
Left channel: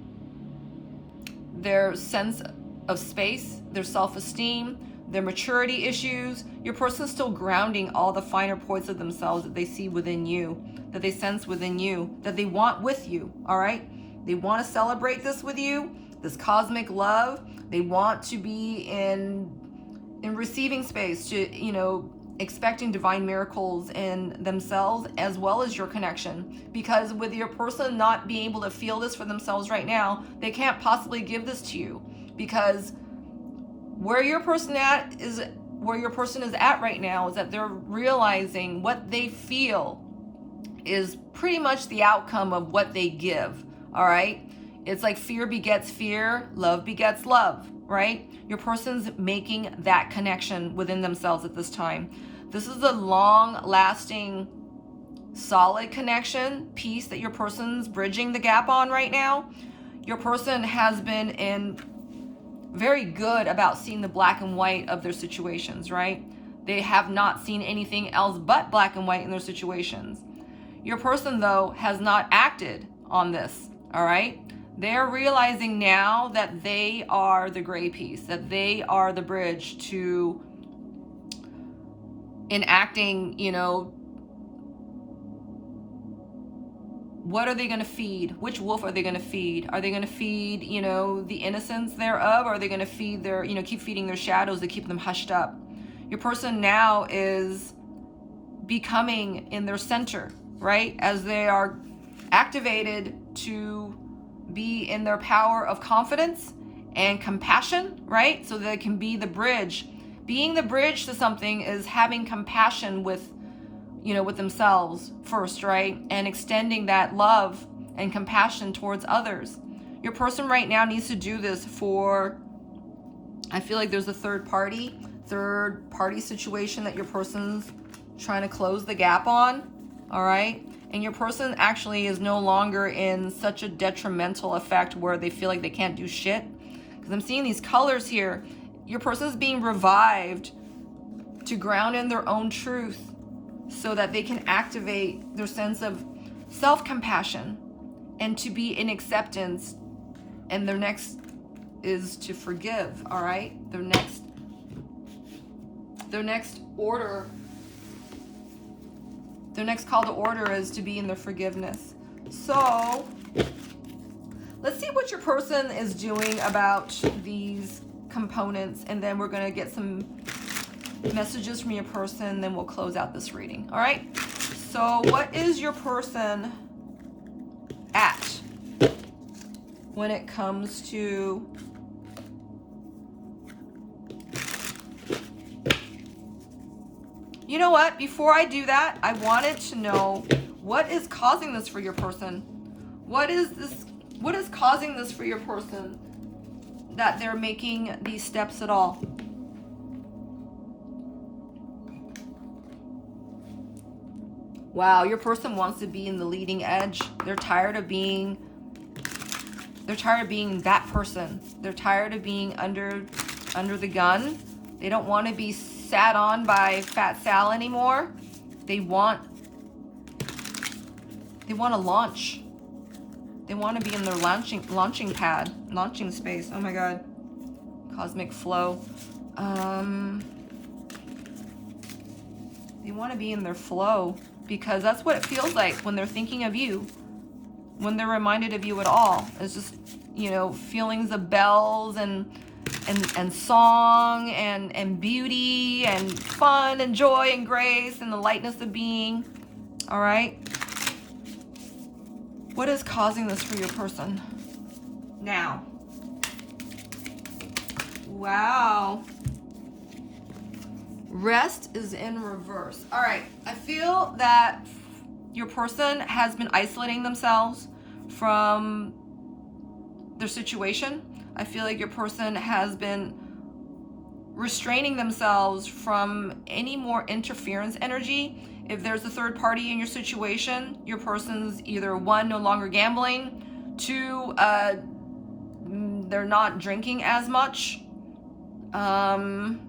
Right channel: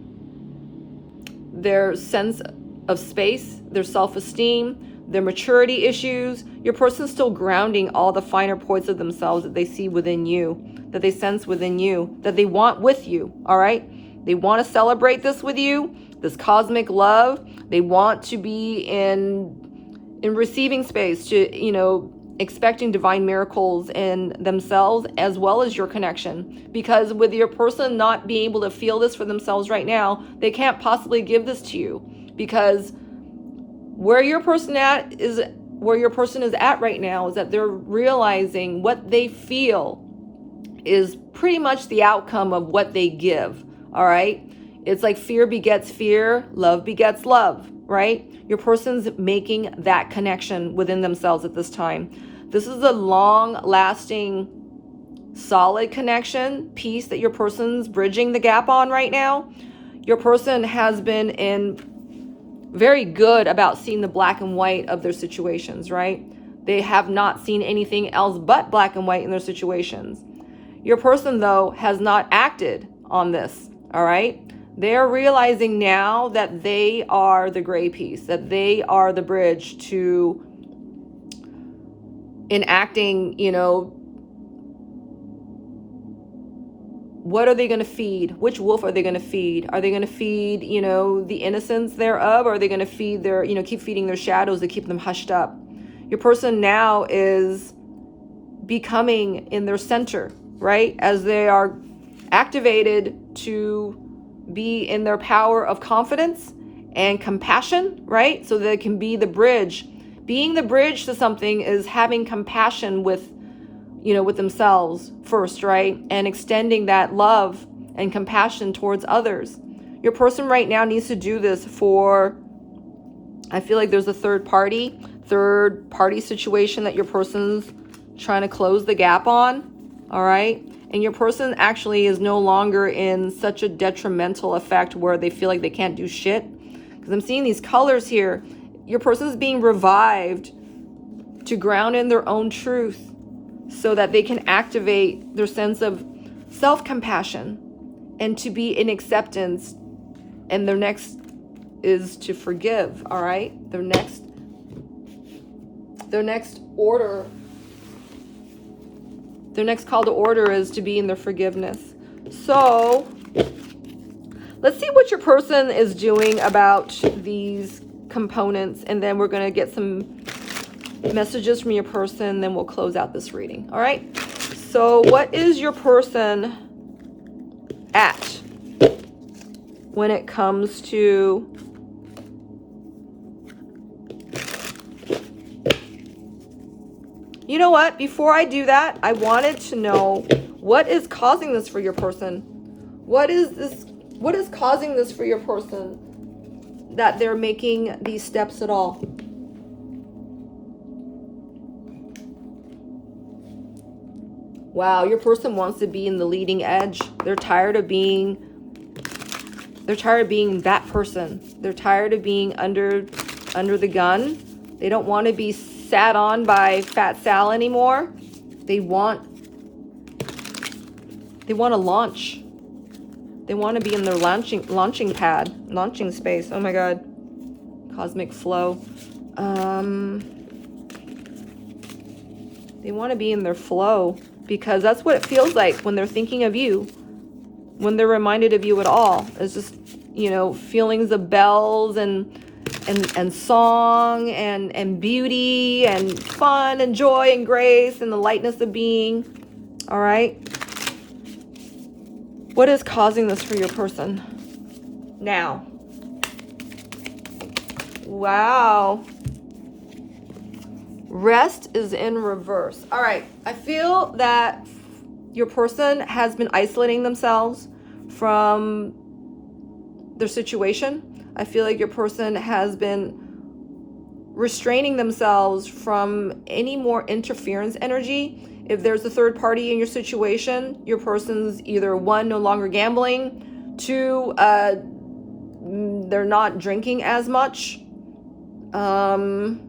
sense of space, their self-esteem, their maturity issues. Your person's still grounding all the finer points of themselves that they see within you, that they sense within you, that they want with you, all right? They want to celebrate this with you, this cosmic love. They want to be in receiving space, to, you know, expecting divine miracles in themselves as well as your connection. Because with your person not being able to feel this for themselves right now, they can't possibly give this to you, because where your person is at right now is that they're realizing what they feel is pretty much the outcome of what they give. All right, it's like fear begets fear, love begets love, right? Your person's making that connection within themselves at this time. This is a long-lasting, solid connection piece that your person's bridging the gap on right now. Your person has been very good about seeing the black and white of their situations, right? They have not seen anything else but black and white in their situations. Your person, though, has not acted on this, all right? They're realizing now that they are the gray piece, that they are the bridge to enacting, you know, what are they going to feed? Which wolf are they going to feed? Are they going to feed, you know, the innocence thereof? Or are they going to feed their, you know, keep feeding their shadows to keep them hushed up? Your person now is becoming in their center, right? As they are activated to be in their power of confidence and compassion, right? So they can be the bridge. Being the bridge to something is having compassion with, you know, with themselves first, right? And extending that love and compassion towards others. Your person right now needs to do this for, I feel like there's a third party situation that your person's trying to close the gap on, all right? And your person actually is no longer in such a detrimental effect where they feel like they can't do shit. Because I'm seeing these colors here. Your person is being revived to ground in their own truth so that they can activate their sense of self-compassion and to be in acceptance. And their next is to forgive, all right? Their next order, their next call to order is to be in their forgiveness. So let's see what your person is doing about these components, and then we're going to get some messages from your person, then we'll close out this reading. All right, so what is your person at when it comes to you know what, before I do that, I wanted to know what is causing this for your person. What is causing this for your person, that they're making these steps at all? Wow, your person wants to be in the leading edge. They're tired of being that person. They're tired of being under the gun. They don't want to be sat on by Fat Sal anymore. They want to launch. They want to be in their launching pad, launching space. Oh my God. Cosmic flow. They want to be in their flow, because that's what it feels like when they're thinking of you, when they're reminded of you at all. It's just, you know, feelings of bells and and song and beauty and fun and joy and grace and the lightness of being. All right. What is causing this for your person now? Wow. Rest is in reverse. All right. I feel that your person has been isolating themselves from their situation. I feel like your person has been restraining themselves from any more interference energy. If there's a third party in your situation, your person's either one, no longer gambling, two, they're not drinking as much, and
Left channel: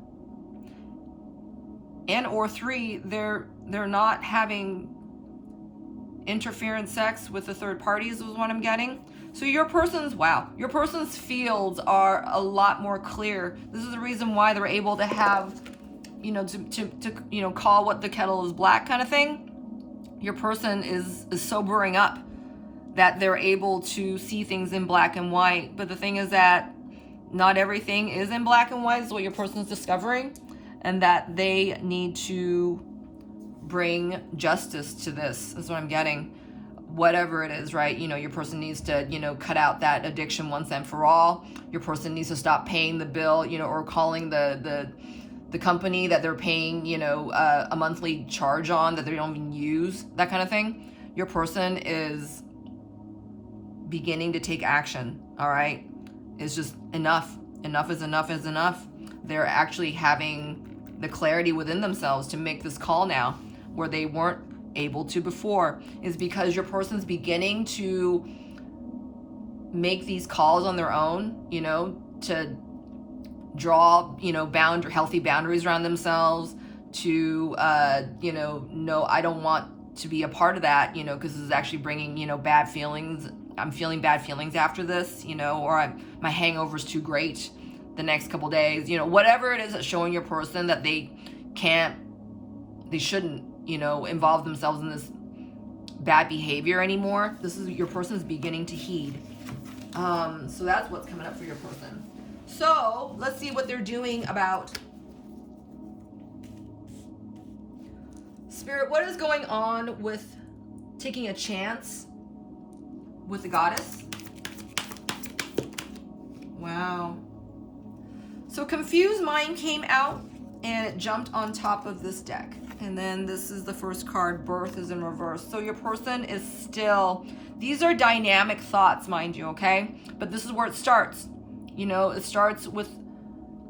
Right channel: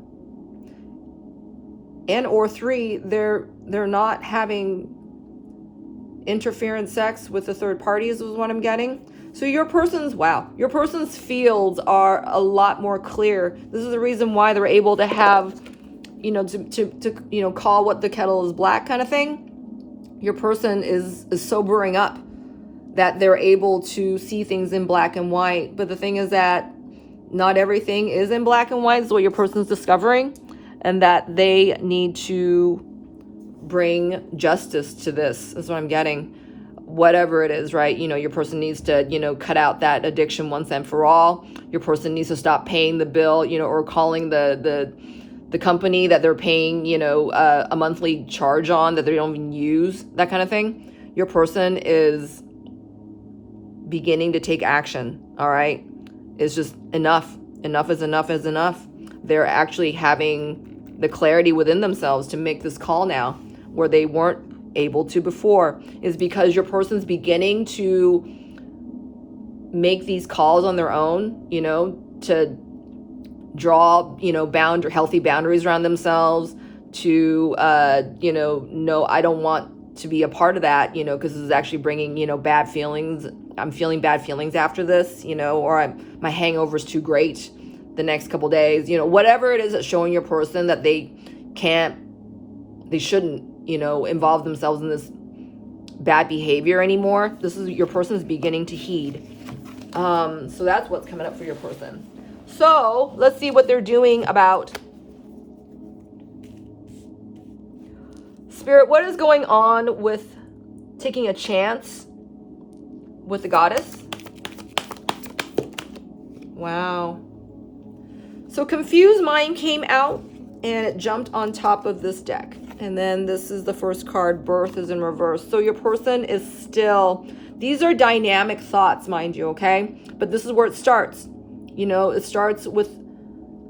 or three, they're not having interference sex with the third parties is what I'm getting. So your person's fields are a lot more clear. This is the reason why they're able to have, to call what the kettle is black kind of thing. Your person is sobering up, that they're able to see things in black and white. But the thing is that not everything is in black and white, is what your person's discovering, and that they need to bring justice to this is what I'm getting. Whatever it is, right? Your person needs to, cut out that addiction once and for all. Your person needs to stop paying the bill, or calling the company that they're paying, a monthly charge on that they don't even use, that kind of thing. Your person is beginning to take action, all right? It's just enough. Enough is enough is enough. They're actually having the clarity within themselves to make this call now, where they weren't able to before, is because your person's beginning to make these calls on their own, to draw, healthy boundaries around themselves, to, no, I don't want to be a part of that, because this is actually bringing, bad feelings. I'm feeling bad feelings after this, or my hangover's too great the next couple days, whatever it is that's showing your person that they shouldn't, involve themselves in this bad behavior anymore. This is your person's beginning to heed. So that's what's coming up for your person. So let's see what they're doing about. Spirit, what is going on with taking a chance with the goddess? Wow. So confused mind came out and it jumped on top of this deck. And then this is the first card, birth is in reverse. So your person is still, these are dynamic thoughts, mind you, okay? But this is where it starts. It starts with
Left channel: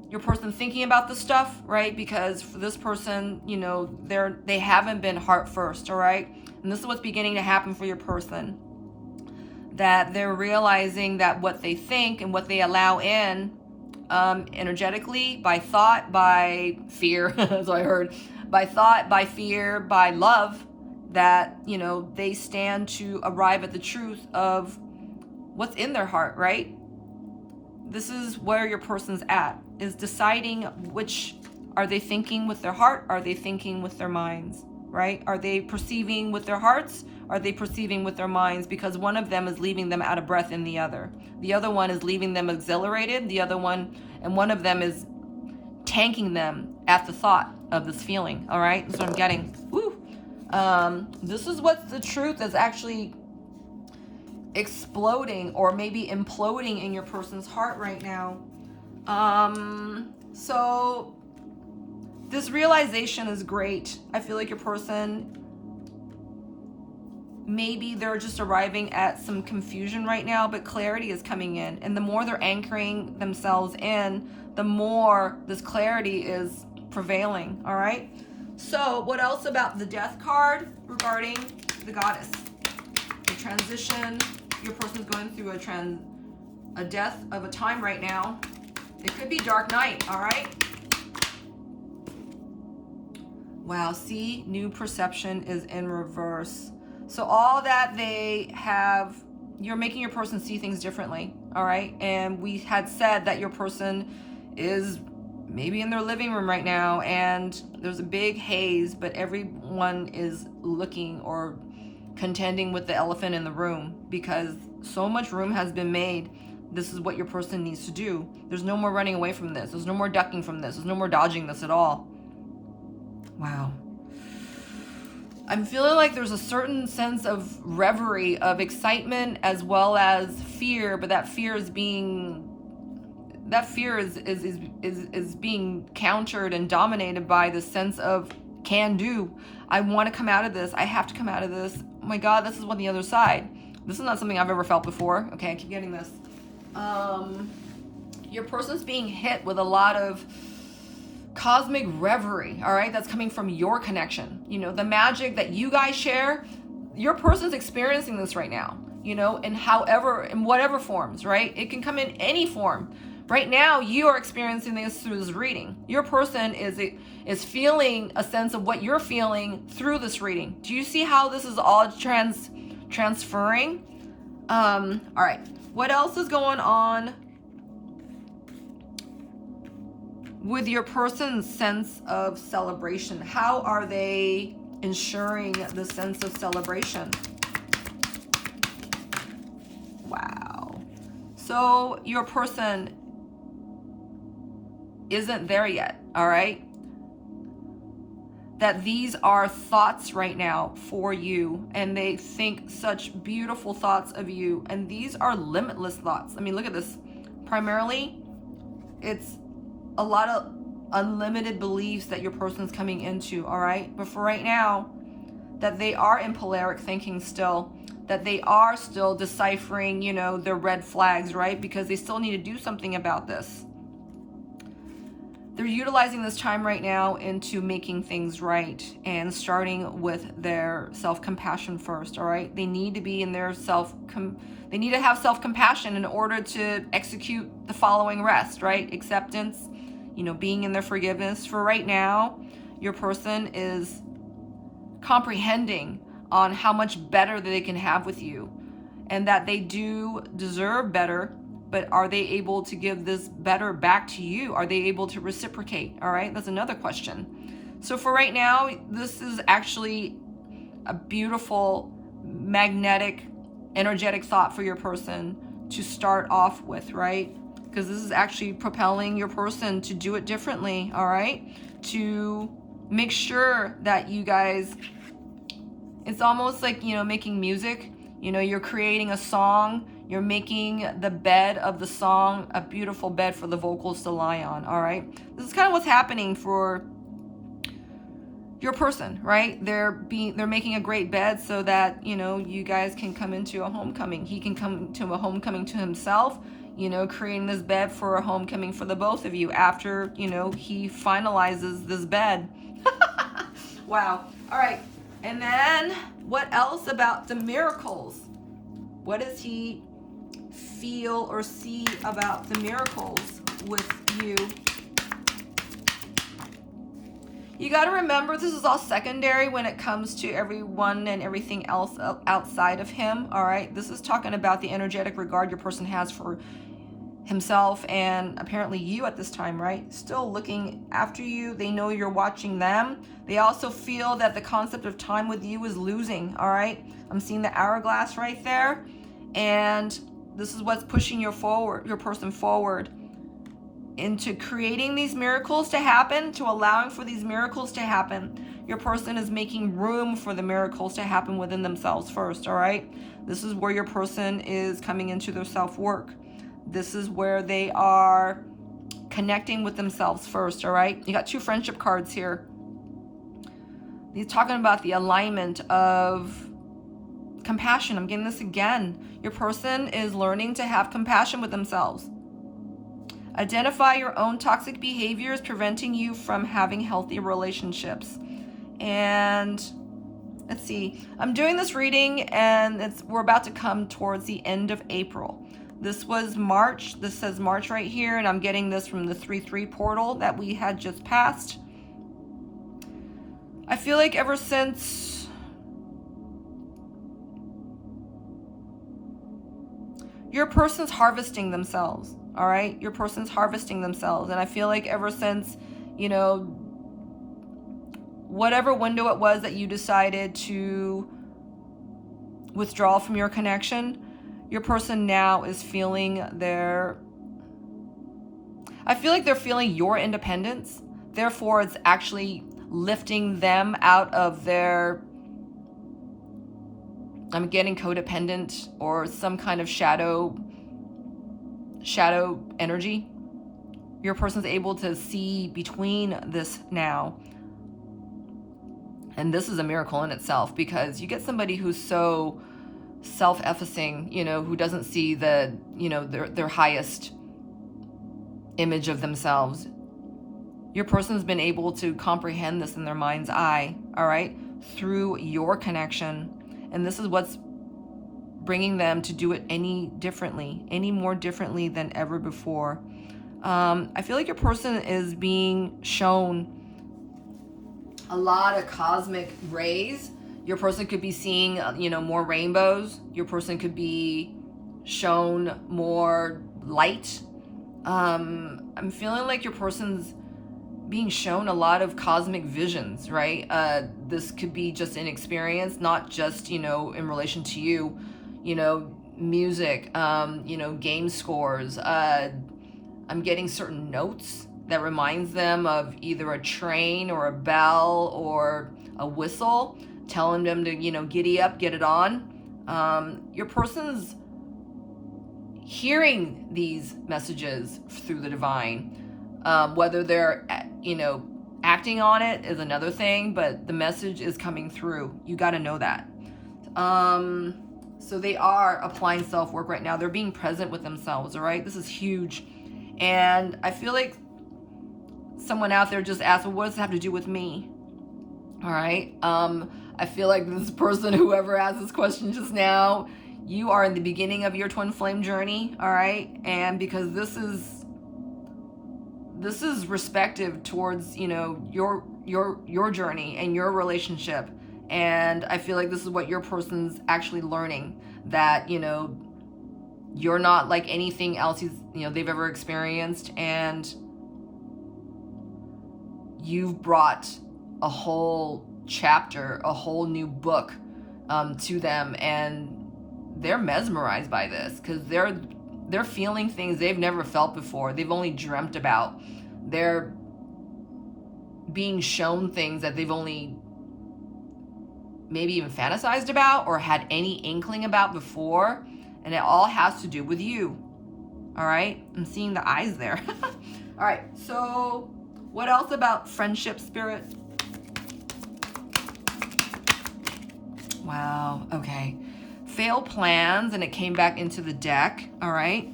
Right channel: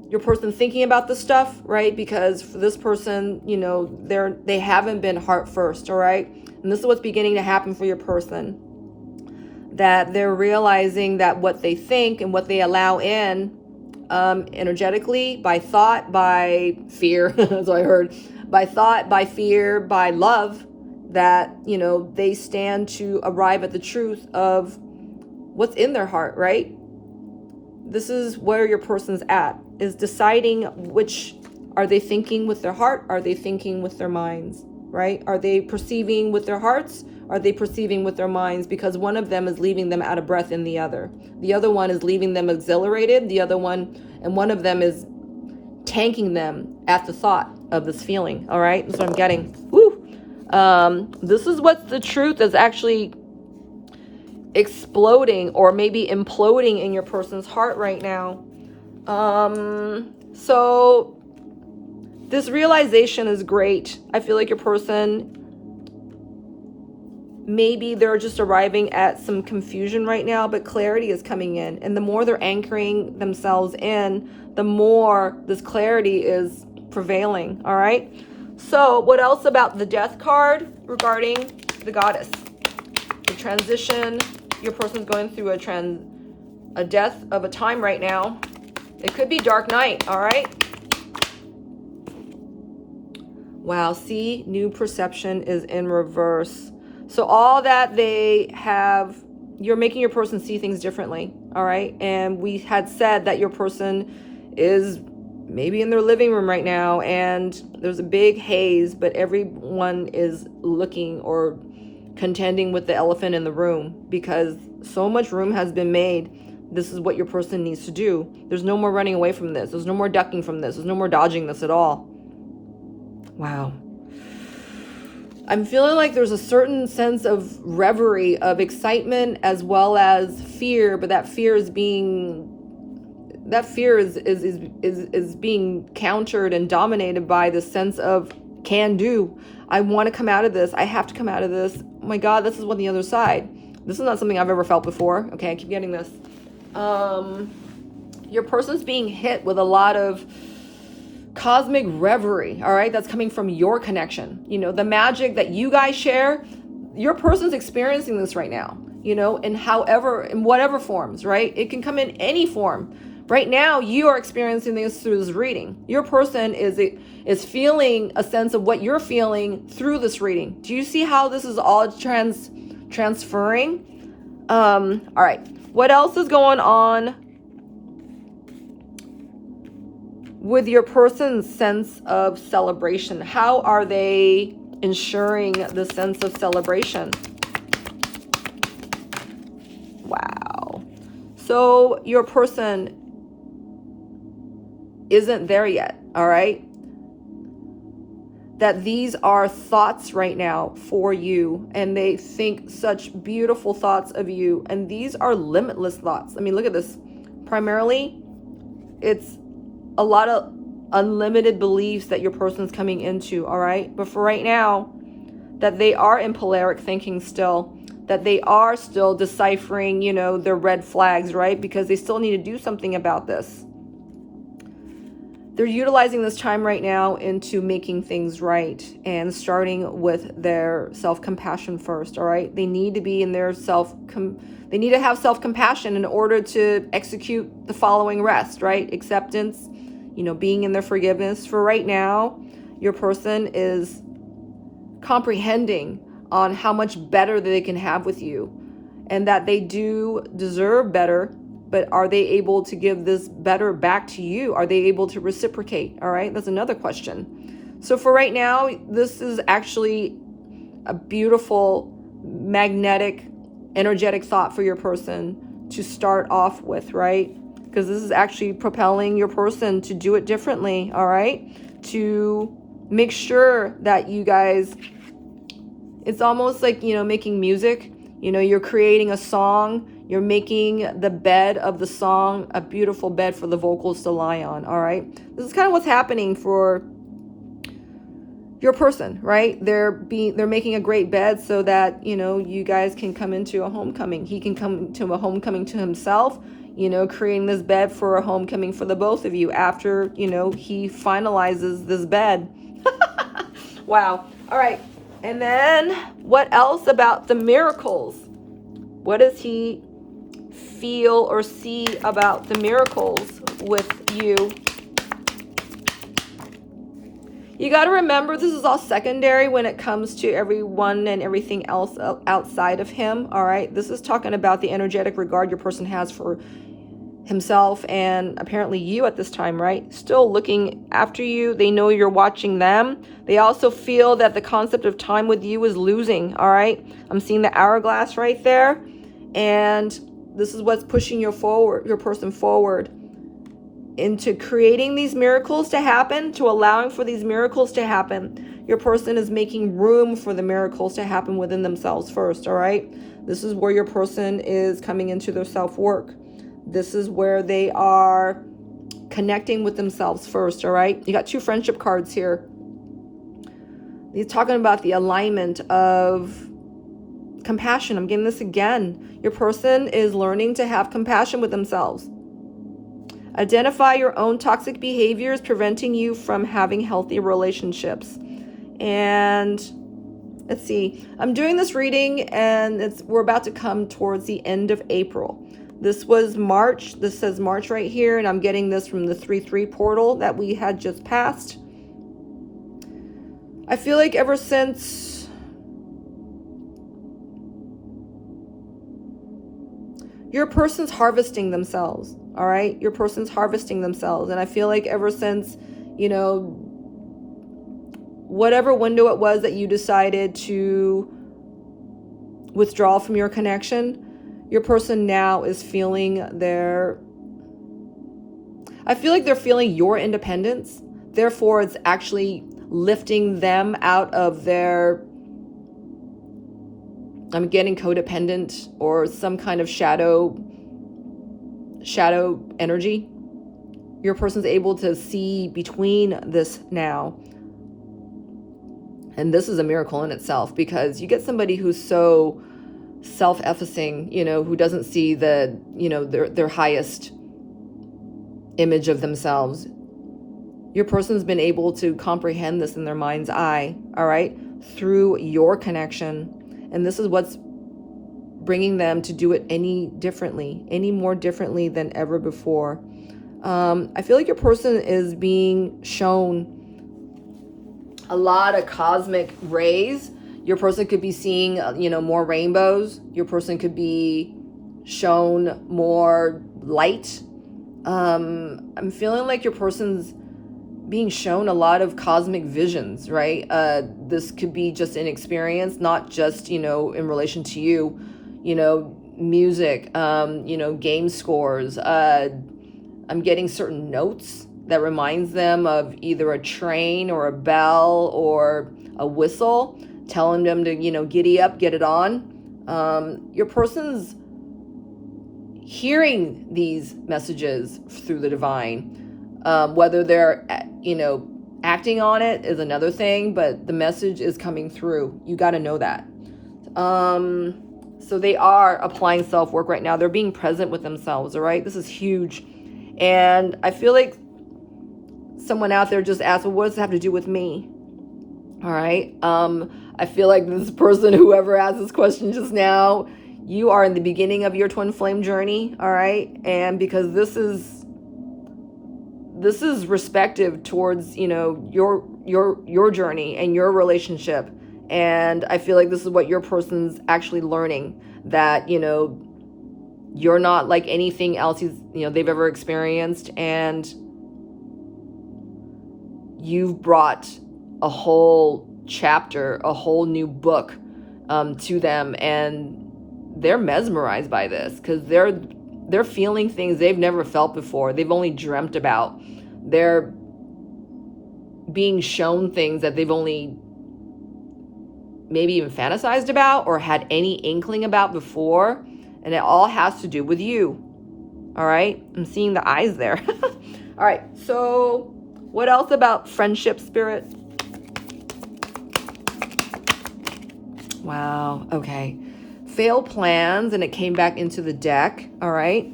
your person thinking about this stuff, right? Because for this person, they haven't been heart first, all right? And this is what's beginning to happen for your person. That they're realizing that what they think and what they allow in energetically, by thought, by fear, as I heard, by thought, by fear, by love, that, they stand to arrive at the truth of what's in their heart, right? This is where your person's at, is deciding which, are they thinking with their heart? Are they thinking with their minds, right? Are they perceiving with their hearts? Are they perceiving with their minds? Because one of them is leaving them out of breath in the other. The other one is leaving them exhilarated. One of them is tanking them at the thought of this feeling. All right, that's what I'm getting. Woo! This is what the truth is actually exploding or maybe imploding in your person's heart right now. So this realization is great. I feel like your person, maybe they're just arriving at some confusion right now, but clarity is coming in. And the more they're anchoring themselves in, the more this clarity is prevailing. All right. So what else about the death card regarding the goddess? The transition. Your person's going through a death of a time right now. It could be dark night. All right. Wow. See, new perception is in reverse. So all that they have, you're making your person see things differently, all right? And we had said that your person is maybe in their living room right now and there's a big haze, but everyone is looking or contending with the elephant in the room because so much room has been made This is what your person needs to do. There's no more running away from this. There's no more ducking from this. There's no more dodging this at all. Wow. I'm feeling like there's a certain sense of reverie, of excitement, as well as fear, but that fear is being countered and dominated by the sense of can do. I want to come out of this. I have to come out of this. Oh my God, this is on the other side. This is not something I've ever felt before. Okay, I keep getting this. Your person's being hit with a lot of cosmic reverie, all right? That's coming from your connection. You know, the magic that you guys share, your person's experiencing this right now, you know, in whatever forms, right? It can come in any form. Right now, you are experiencing this through this reading. Your person is feeling a sense of what you're feeling through this reading. Do you see how this is all transferring? All right. What else is going on with your person's sense of celebration? How are they ensuring the sense of celebration? Wow. So your person isn't there yet, all right? That these are thoughts right now for you, and they think such beautiful thoughts of you, and these are limitless thoughts. I mean, look at this. Primarily, it's a lot of unlimited beliefs that your person's coming into, all right? But for right now, that they are in polaric thinking still, that they are still deciphering, you know, their red flags, right? Because they still need to do something about this. They're utilizing this time right now into making things right and starting with their self-compassion first, all right? They need to be in their they need to have self-compassion in order to execute the following rest, right? Acceptance, you know, being in their forgiveness. For right now, your person is comprehending on how much better they can have with you, and that they do deserve better. But are they able to give this better back to you? Are they able to reciprocate? All right, that's another question. So for right now, this is actually a beautiful, magnetic, energetic thought for your person to start off with, right? Because this is actually propelling your person to do it differently, all right? To make sure that you guys, it's almost like, you know, making music. You know, you're creating a song. You're making the bed of the song a beautiful bed for the vocals to lie on, all right? This is kind of what's happening for your person, right? They're making a great bed so that, you know, you guys can come into a homecoming. He can come to a homecoming to himself, you know, creating this bed for a homecoming for the both of you after, you know, he finalizes this bed. Wow. All right. And then what else about the miracles? What does he feel or see about the miracles with you? You got to remember, this is all secondary when it comes to everyone and everything else outside of him, all right? This is talking about the energetic regard your person has for himself and apparently you at this time, right? Still looking after you. They know you're watching them. They also feel that the concept of time with you is losing, all right? I'm seeing the hourglass right there. And this is what's pushing your person forward into creating these miracles to happen, to allowing for these miracles to happen. Your person is making room for the miracles to happen within themselves first, all right? This is where your person is coming into their self-work. This is where they are connecting with themselves first, all right? You got two friendship cards here. He's talking about the alignment of compassion. I'm getting this again. Your person is learning to have compassion with themselves. Identify your own toxic behaviors preventing you from having healthy relationships. And let's see. I'm doing this reading and we're about to come towards the end of April. This was March. This says March right here, and I'm getting this from the 3-3 portal that we had just passed. I feel like ever since your person's harvesting themselves, all right? Your person's harvesting themselves. And I feel like ever since, you know, whatever window it was that you decided to withdraw from your connection, Your person now is feeling I feel like they're feeling your independence. Therefore, it's actually lifting them out of their, I'm getting codependent or some kind of shadow energy. Your person's able to see between this now. And this is a miracle in itself, because you get somebody who's so self-effacing, who doesn't see the, their highest image of themselves. Your person's been able to comprehend this in their mind's eye, all right, through your connection. And this is what's bringing them to do it any more differently than ever before. I feel like your person is being shown a lot of cosmic rays. Your person could be seeing, more rainbows. Your person could be shown more light. I'm feeling like your person's being shown a lot of cosmic visions, right? This could be just an experience, not just, in relation to you, music, game scores. I'm getting certain notes that reminds them of either a train or a bell or a whistle, telling them to, giddy up, get it on. Your person's hearing these messages through the divine. Whether they're, acting on it is another thing, but the message is coming through. You got to know that. So they are applying self-work right now. They're being present with themselves, all right? This is huge. And I feel like someone out there just asked, well, what does it have to do with me? All right. I feel like this person, whoever asked this question just now, you are in the beginning of your twin flame journey. All right. And because this is respective towards, your journey and your relationship. And I feel like this is what your person's actually learning, that, you're not like anything else they've ever experienced, and you've brought a whole chapter, a whole new book to them, and they're mesmerized by this, because they're feeling things they've never felt before. They've only dreamt about. They're being shown things that they've only maybe even fantasized about or had any inkling about before. And it all has to do with you. All right. I'm seeing the eyes there. All right. So what else about friendship, Spirit? Wow. Okay. Failed plans, and it came back into the deck. All right.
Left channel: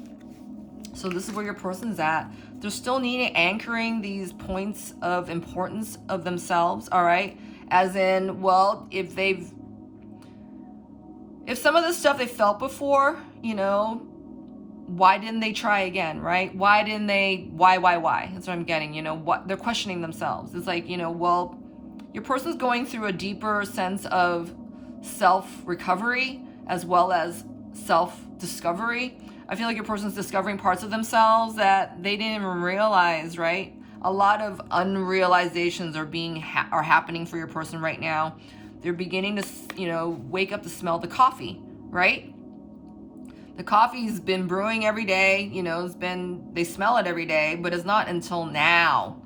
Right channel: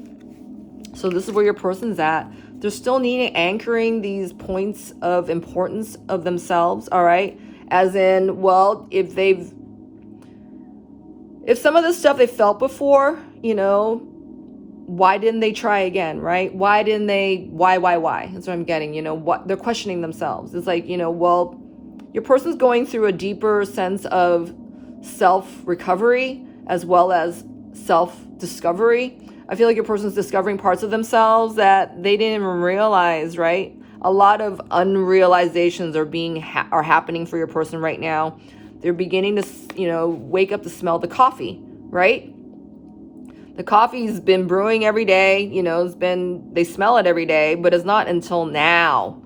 So this is where your person's at. They're still needing anchoring these points of importance of themselves. All right. As in, well, if some of the stuff they felt before, why didn't they try again, right? Why? That's what I'm getting, what they're questioning themselves. It's like, well, your person's going through a deeper sense of self-recovery as well as self-discovery. I feel like your person's discovering parts of themselves that they didn't even realize, right? A lot of unrealizations are happening for your person right now. They're beginning to, wake up to smell the coffee, right? The coffee's been brewing every day, they smell it every day, but it's not until now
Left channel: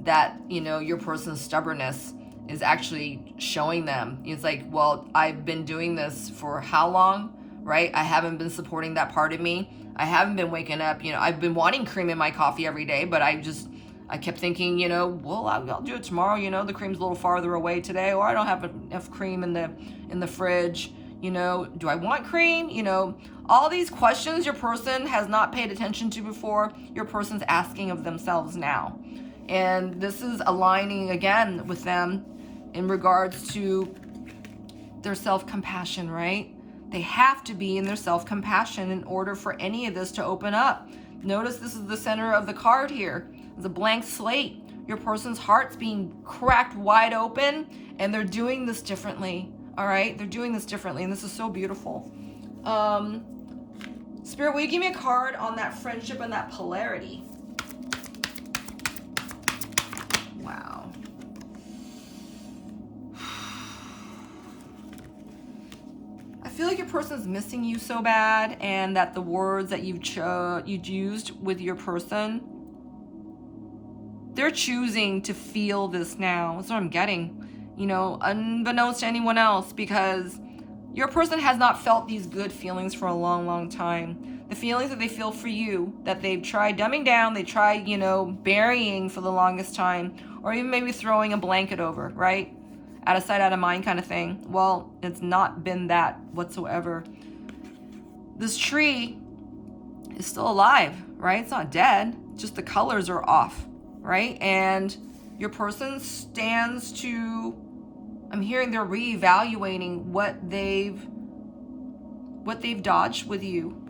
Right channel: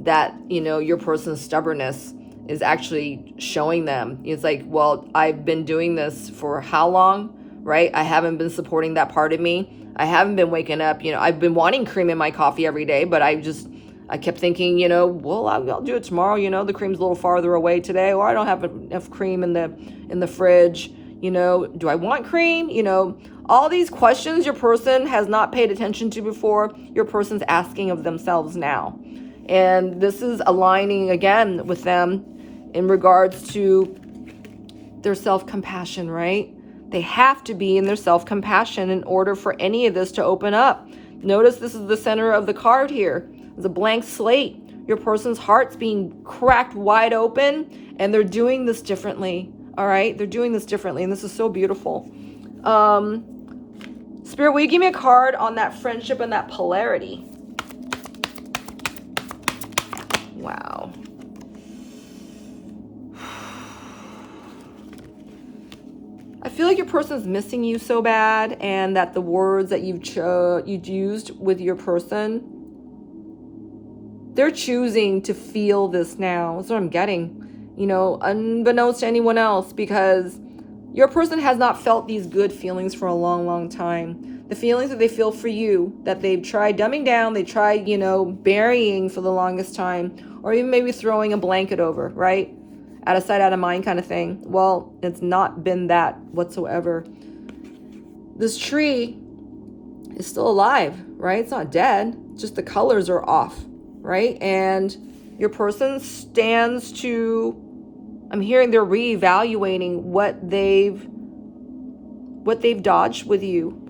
that, your person's stubbornness is actually showing them. It's like, well, I've been doing this for how long, right? I haven't been supporting that part of me. I haven't been waking up, I've been wanting cream in my coffee every day, but I kept thinking, well, I'll do it tomorrow. The cream's a little farther away today, or I don't have enough cream in the fridge. Do I want cream? All these questions your person has not paid attention to before, your person's asking of themselves now. And this is aligning again with them in regards to their self-compassion, right? They have to be in their self-compassion in order for any of this to open up. Notice this is the center of the card here. It's a blank slate. Your person's heart's being cracked wide open, and they're doing this differently. All right? They're doing this differently, and this is so beautiful. Spirit, will you give me a card on that friendship and that polarity? Wow. I feel like your person's missing you so bad, and that the words that you've used with your person, they're choosing to feel this now. That's what I'm getting, you know, unbeknownst to anyone else, because your person has not felt these good feelings for a long, long time. The feelings that they feel for you, that they've tried dumbing down, they tried, you know, burying for the longest time, or even maybe throwing a blanket over, right? Out of sight, out of mind kind of thing. Well, it's not been that whatsoever. This tree is still alive, right? It's not dead. Just the colors are off, right? And your person stands to, I'm hearing they're reevaluating what they've dodged with you,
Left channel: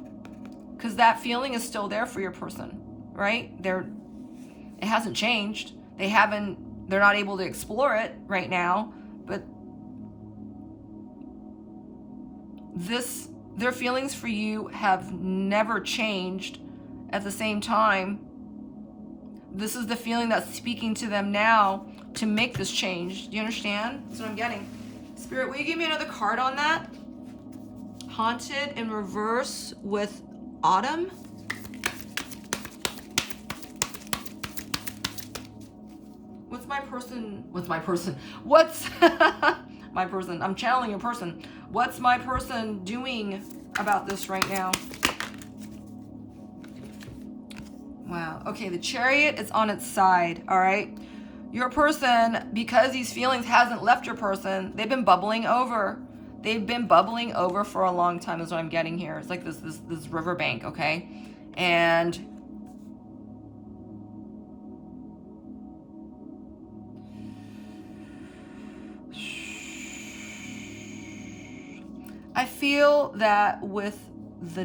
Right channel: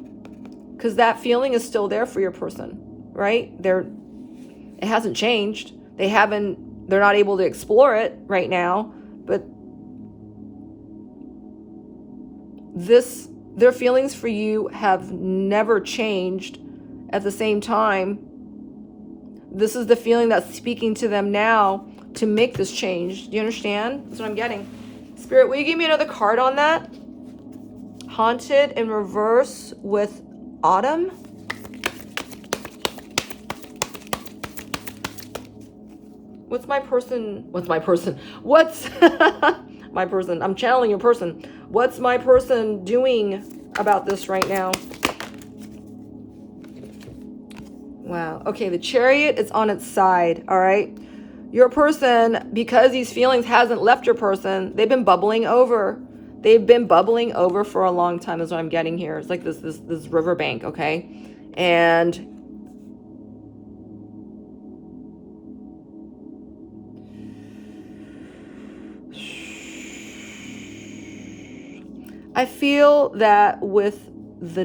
because that feeling is still there for your person, right? It hasn't changed. They're not able to explore it right now, but their feelings for you have never changed. At the same time, this is the feeling that's speaking to them now to make this change. Do you understand? That's what I'm getting. Spirit, will you give me another card on that? Haunted in reverse with autumn. What's my person? What's my person? I'm channeling your person. What's my person doing about this right now? Wow. Okay, the Chariot is on its side, all right? Your person, because these feelings hasn't left your person, they've been bubbling over. They've been bubbling over for a long time is what I'm getting here. It's like this riverbank, okay? And I feel that with the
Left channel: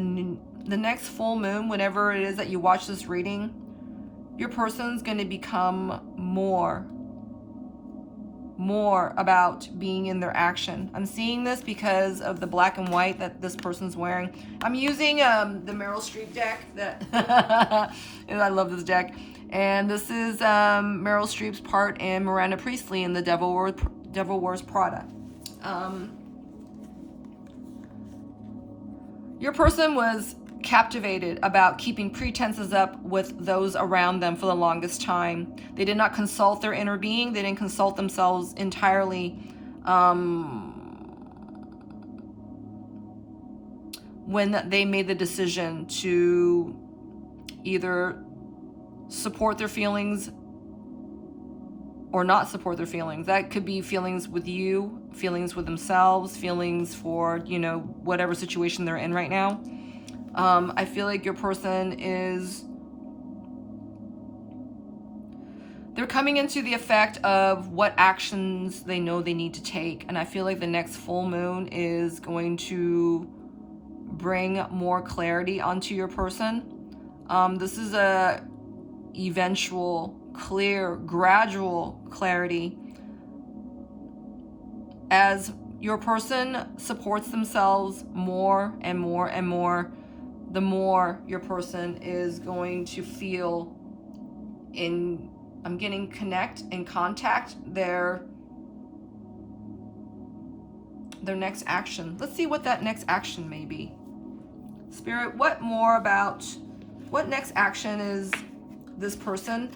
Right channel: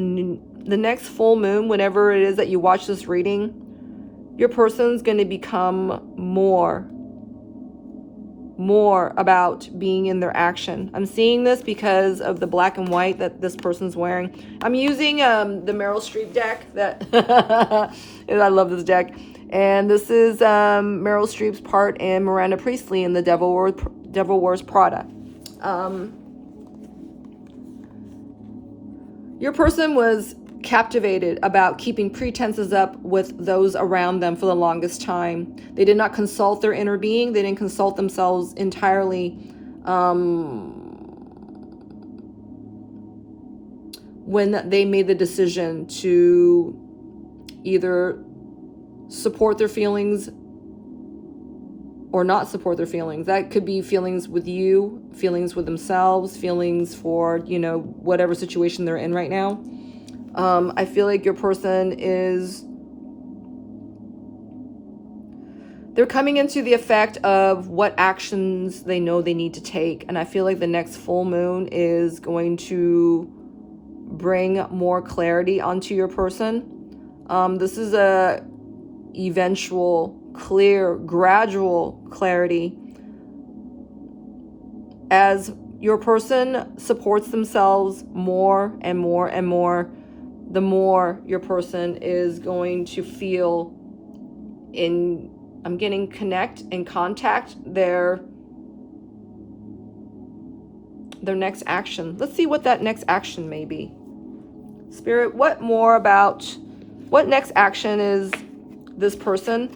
next full moon, whenever it is that you watch this reading, your person's going to become more about being in their action. I'm seeing this because of the black and white that this person's wearing. I'm using the Meryl Streep deck that I love this deck. And this is Meryl Streep's part in Miranda Priestley in The Devil Wears Prada. Your person was captivated about keeping pretenses up with those around them for the longest time. They did not consult their inner being. They didn't consult themselves entirely. When they made the decision to either support their feelings or not support their feelings. That could be feelings with you, feelings with themselves, feelings for, you know, whatever situation they're in right now. I feel like your person they're coming into the effect of what actions they know they need to take. And I feel like the next full moon is going to bring more clarity onto your person. This is a eventual, clear, gradual clarity as your person supports themselves more and more and more. The more your person is going to feel I'm getting connect and contact their next action. Let's see what that next action may be. Spirit, what next action is this person?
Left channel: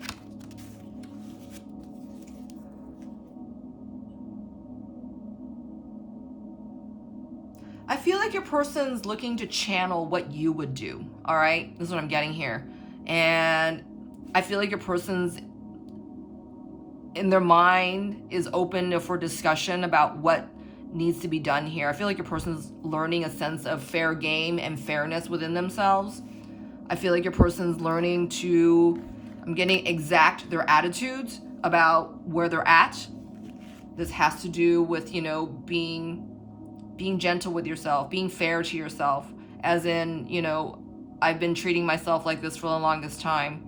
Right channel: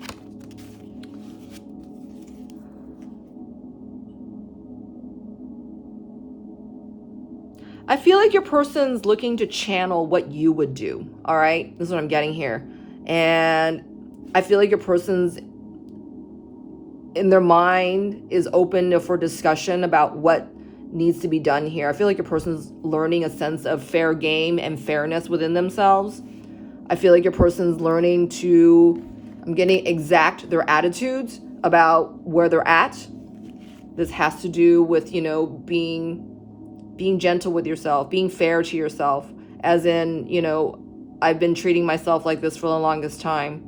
I feel like your person's looking to channel what you would do, all right? This is what I'm getting here. And I feel like your person's in their mind is open for discussion about what needs to be done here. I feel like your person's learning a sense of fair game and fairness within themselves. I feel like your person's learning to, I'm getting exact their attitudes about where they're at. This has to do with, you know, being gentle with yourself, being fair to yourself, as in, you know, I've been treating myself like this for the longest time.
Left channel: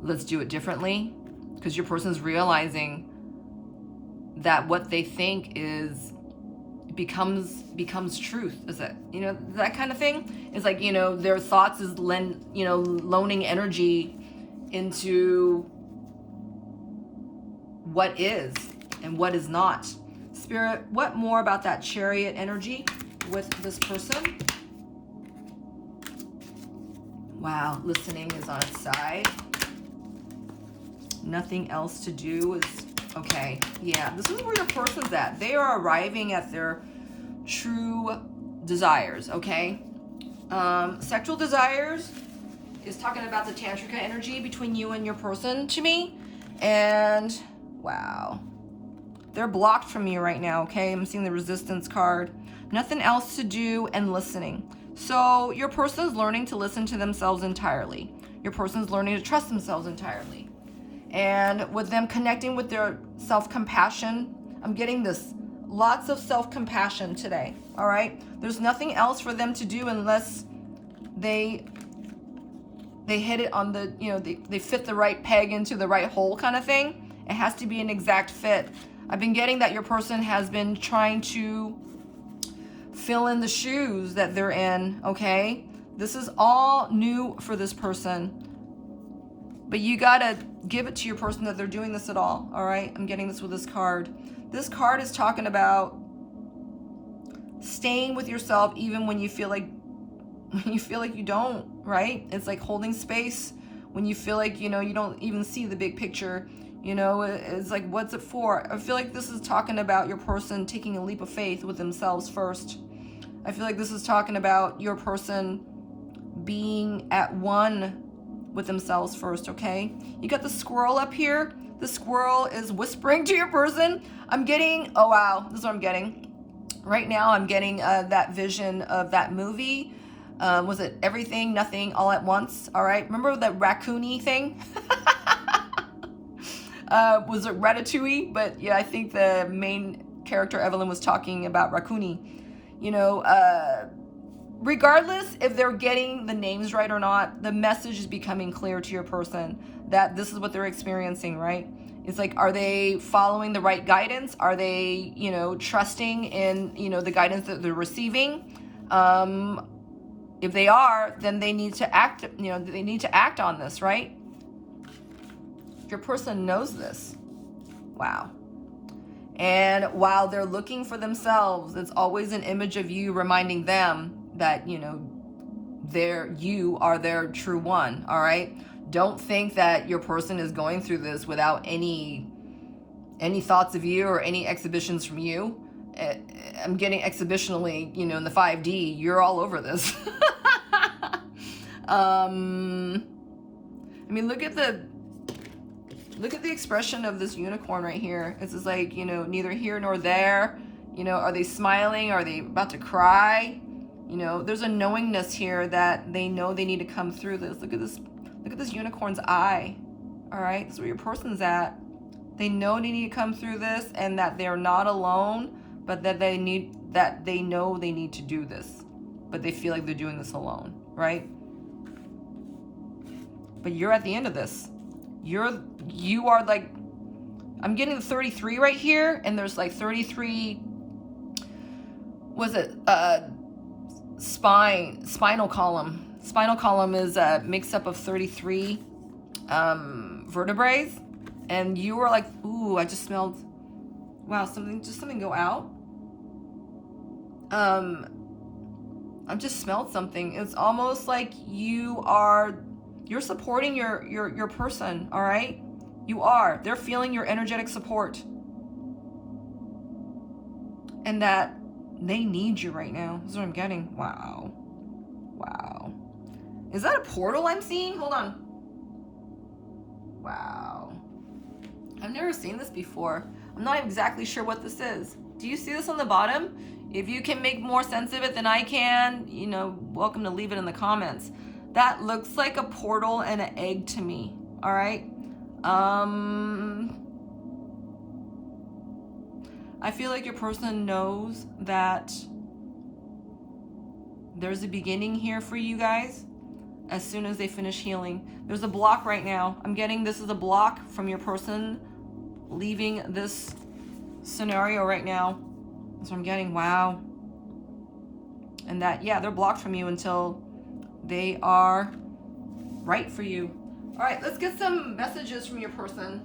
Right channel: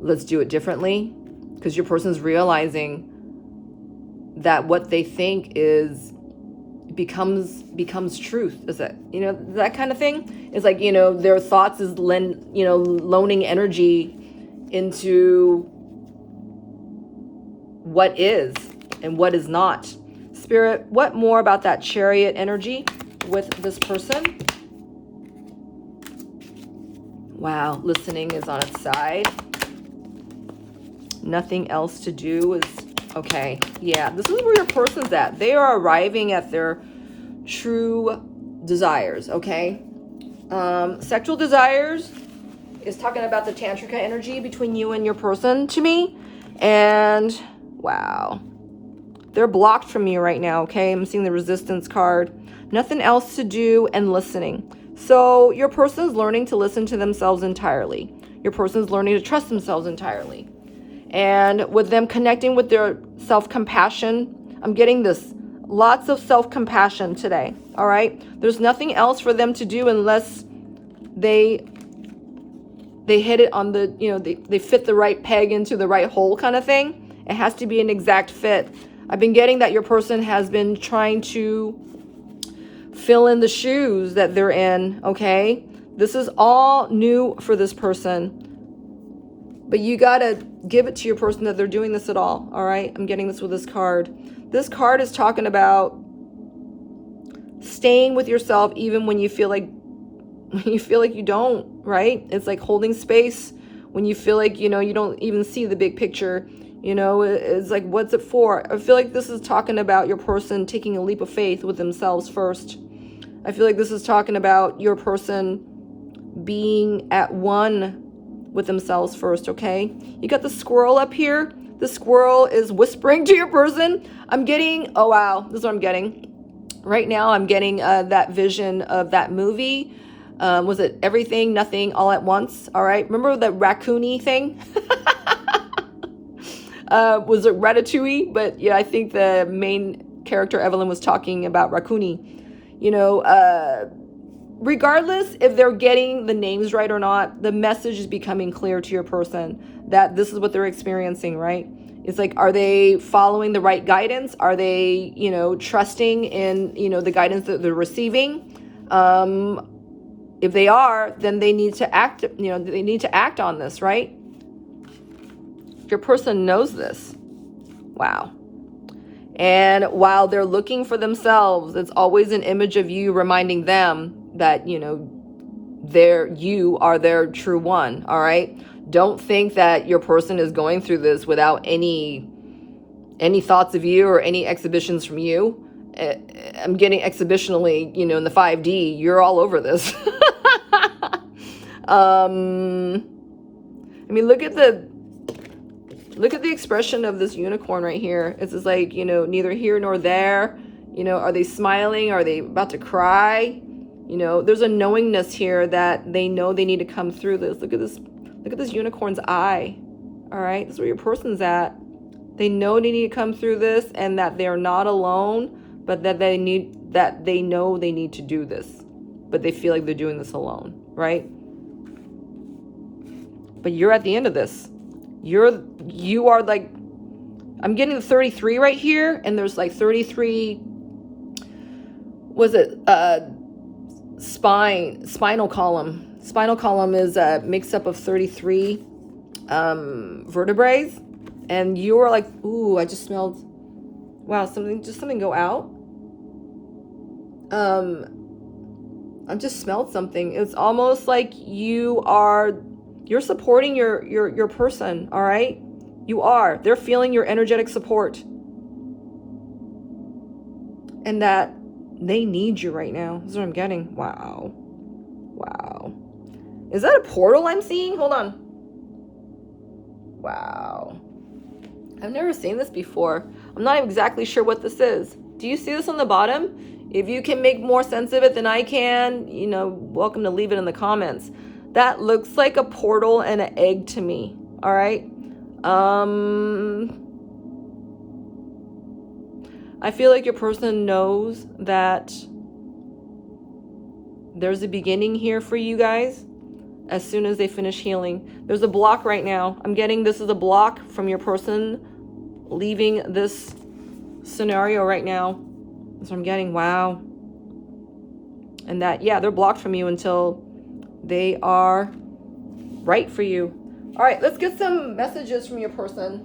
Let's do it differently, because your person's realizing that what they think becomes truth. Is it, you know, that kind of thing? It's like, you know, their thoughts is loaning energy into what is and what is not. Spirit, what more about that Chariot energy? with this person. Wow, listening is on its side. Nothing else to do is, okay. Yeah, this is where your person's at. They are arriving at their true desires, okay? Sexual desires is talking about the tantrika energy between you and your person to me. And wow, they're blocked from you right now, okay? I'm seeing the resistance card. Nothing else to do and listening. So your person is learning to listen to themselves entirely. Your person is learning to trust themselves entirely. And with them connecting with their self-compassion, I'm getting this. Lots of self-compassion today, all right? There's nothing else for them to do unless they hit it on the, you know, they fit the right peg into the right hole kind of thing. It has to be an exact fit. I've been getting that your person has been trying to fill in the shoes that they're in, okay? This is all new for this person. But you gotta give it to your person that they're doing this at all right? I'm getting this with this card. This card is talking about staying with yourself even when you feel like you don't, right? It's like holding space when you feel like, you know, you don't even see the big picture. You know, it's like, what's it for? I feel like this is talking about your person taking a leap of faith with themselves first. I feel like this is talking about your person being at one with themselves first, okay? You got the squirrel up here. The squirrel is whispering to your person. I'm getting, oh wow, this is what I'm getting. Right now I'm getting that vision of that movie. Was it Everything, Nothing, All at Once? All right, remember that raccoony thing? Was it Ratatouille? But yeah, I think the main character, Evelyn, was talking about raccoony. You know, regardless if they're getting the names right or not, the message is becoming clear to your person that this is what they're experiencing, right? It's like, are they following the right guidance? Are they, you know, trusting in, you know, the guidance that they're receiving? If they are, then they need to act, you know, they need to act on this, right? Your person knows this. Wow. And while they're looking for themselves, it's always an image of you reminding them that, you know, you are their true one, all right? Don't think that your person is going through this without any thoughts of you or any exhibitions from you. I'm getting exhibitionally, you know, in the 5D, you're all over this. I mean, look at the expression of this unicorn right here. It's just like, you know, neither here nor there. You know, are they smiling? Are they about to cry? You know, there's a knowingness here that they know they need to come through this. Look at this unicorn's eye. All right, that's where your person's at. They know they need to come through this and that they're not alone, but that they know they need to do this, but they feel like they're doing this alone, right? But you're at the end of this. You are like, I'm getting the 33 right here, and there's like 33, was it spinal column. Spinal column is a mix up of 33 vertebrae, and you are like, ooh, I just smelled, wow, something go out. I just smelled something. It's almost like you're supporting your person, all right? You are. They're feeling your energetic support. And that they need you right now. This is what I'm getting. Wow. Wow. Is that a portal I'm seeing? Hold on. Wow. I've never seen this before. I'm not exactly sure what this is. Do you see this on the bottom? If you can make more sense of it than I can, you know, welcome to leave it in the comments. That looks like a portal and an egg to me. All right. I feel like your person knows that there's a beginning here for you guys as soon as they finish healing. There's a block right now. I'm getting this is a block from your person leaving this scenario right now. That's what I'm getting. Wow. And that, yeah, they're blocked from you until they are right for you. All right, let's get some messages from your person.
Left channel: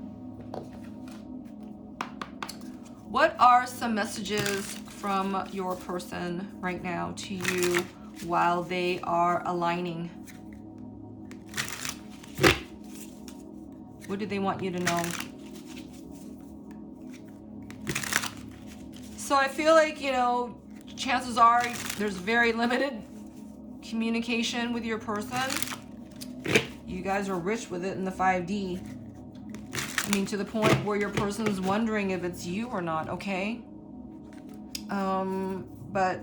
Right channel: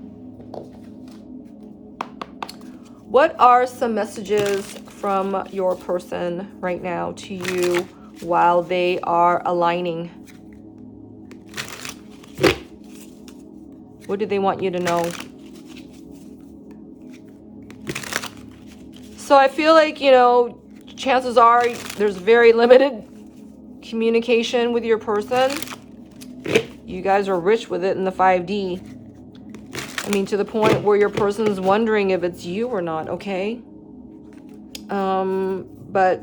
What are some messages from your person right now to you while they are aligning? What do they want you to know? So I feel like, you know, chances are there's very limited communication with your person. You guys are rich with it in the 5D. I mean, to the point where your person's wondering if it's you or not, okay? But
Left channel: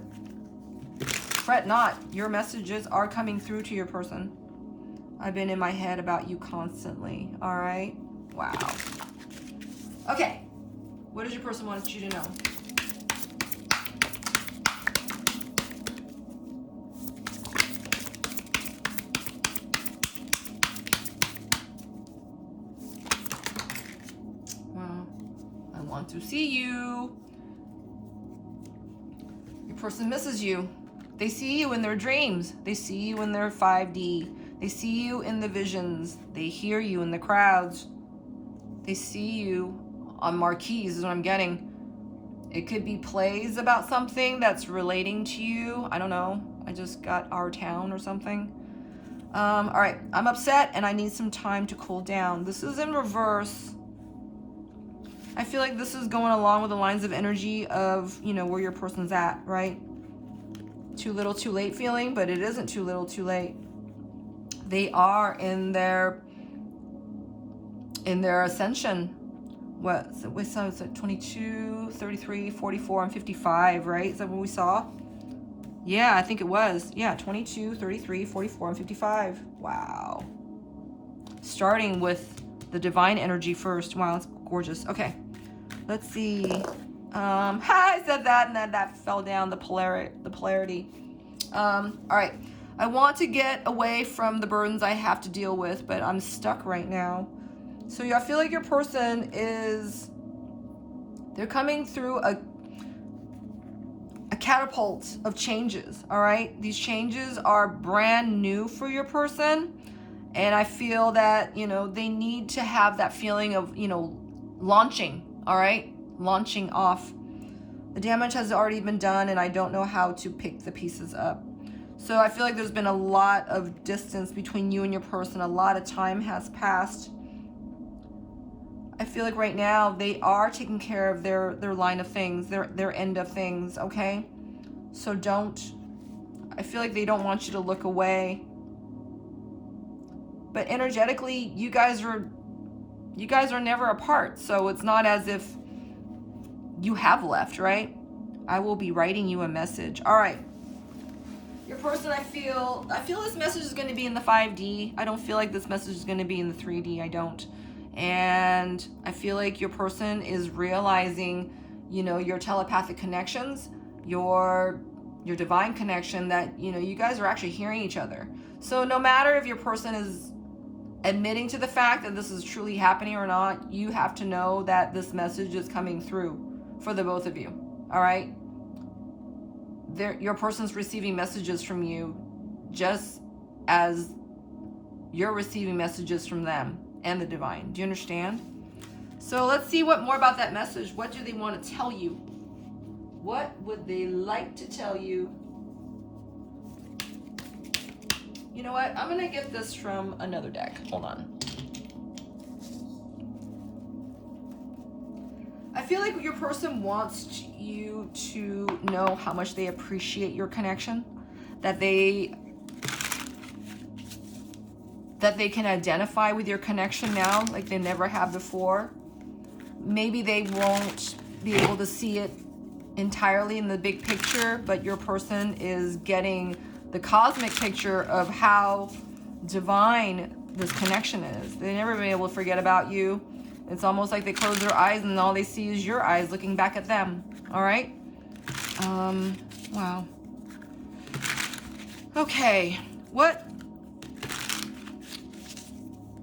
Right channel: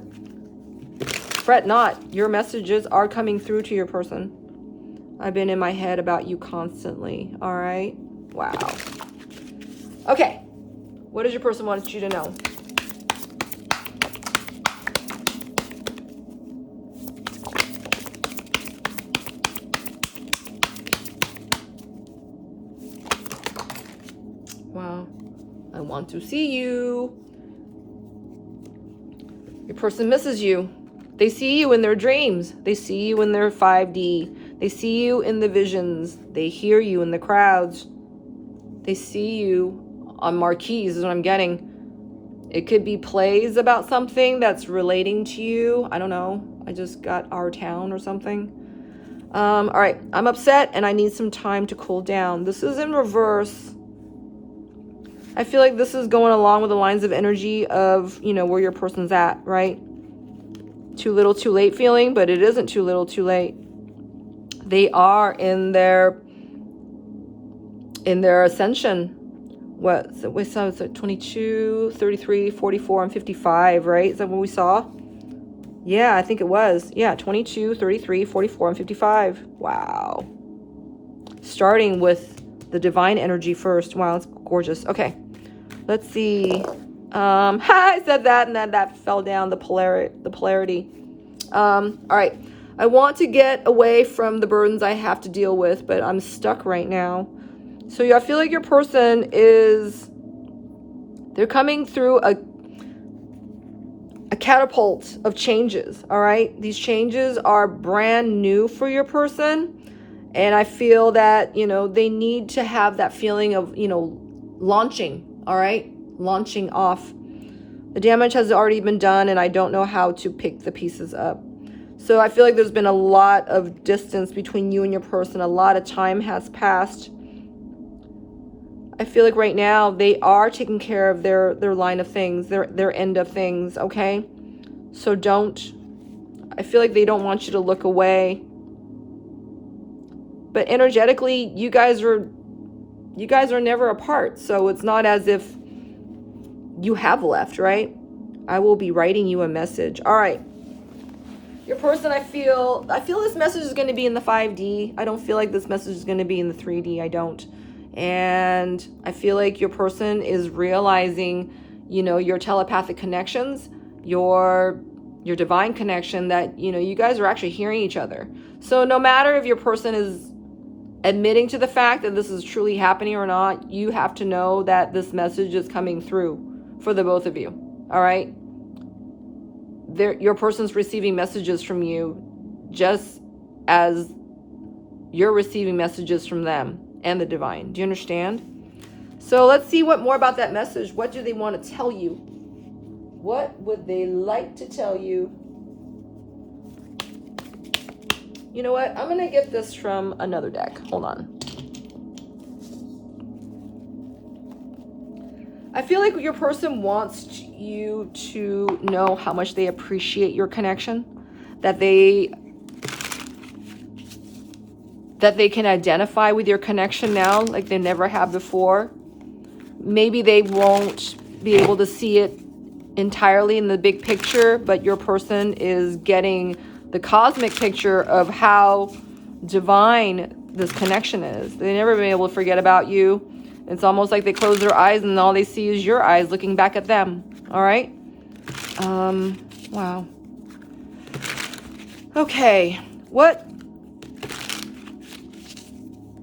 fret not. Your messages are coming through to your person. I've been in my head about you constantly, all right? Wow. Okay. What does your person want you to know? Wow. I want to see you. Your person misses you. They see you in their dreams. They see you in their 5D. They see you in the visions. They hear you in the crowds. They see you on marquees is what I'm getting. It could be plays about something that's relating to you. I don't know. I just got Our Town or something. All right. I'm upset and I need some time to cool down. This is in reverse. I feel like this is going along with the lines of energy of, you know, where your person's at, right? Too little, too late feeling, but it isn't too little, too late. They are in their ascension. What? So we saw it's 22, 33, 44, and 55, right? Is that what we saw? Yeah, I think it was. Yeah, 22, 33, 44, and 55. Wow. Starting with the divine energy first. Wow, it's gorgeous. Okay. Let's see. I said that and then that fell down, the polarity. All right. I want to get away from the burdens I have to deal with, but I'm stuck right now. So I feel like your person they're coming through a catapult of changes, all right? These changes are brand new for your person. And I feel that, you know, they need to have that feeling of, you know, launching, all right? Launching off. The damage has already been done and I don't know how to pick the pieces up. So I feel like there's been a lot of distance between you and your person. A lot of time has passed. I feel like right now they are taking care of their line of things, their end of things, okay? So I feel like they don't want you to look away. But energetically, you guys are never apart. So it's not as if you have left, right? I will be writing you a message. All right. Your person, I feel this message is going to be in the 5D. I don't feel like this message is going to be in the 3D. I don't. And I feel like your person is realizing, you know, your telepathic connections, your divine connection, that, you know, you guys are actually hearing each other. So no matter if your person is admitting to the fact that this is truly happening or not, you have to know that this message is coming through for the both of you. All right? Your person's receiving messages from you just as you're receiving messages from them and the divine. Do you understand? So let's see what more about that message. What do they want to tell you? What would they like to tell you? You know what? I'm going to get this from another deck. Hold on. I feel like your person wants you to know how much they appreciate your connection, that they can identify with your connection now like they never have before. Maybe they won't be able to see it entirely in the big picture, but your person is getting the cosmic picture of how divine this connection is. They've never been able to forget about you. It's almost like they close their eyes and all they see is your eyes looking back at them. All right? Wow. Okay. What?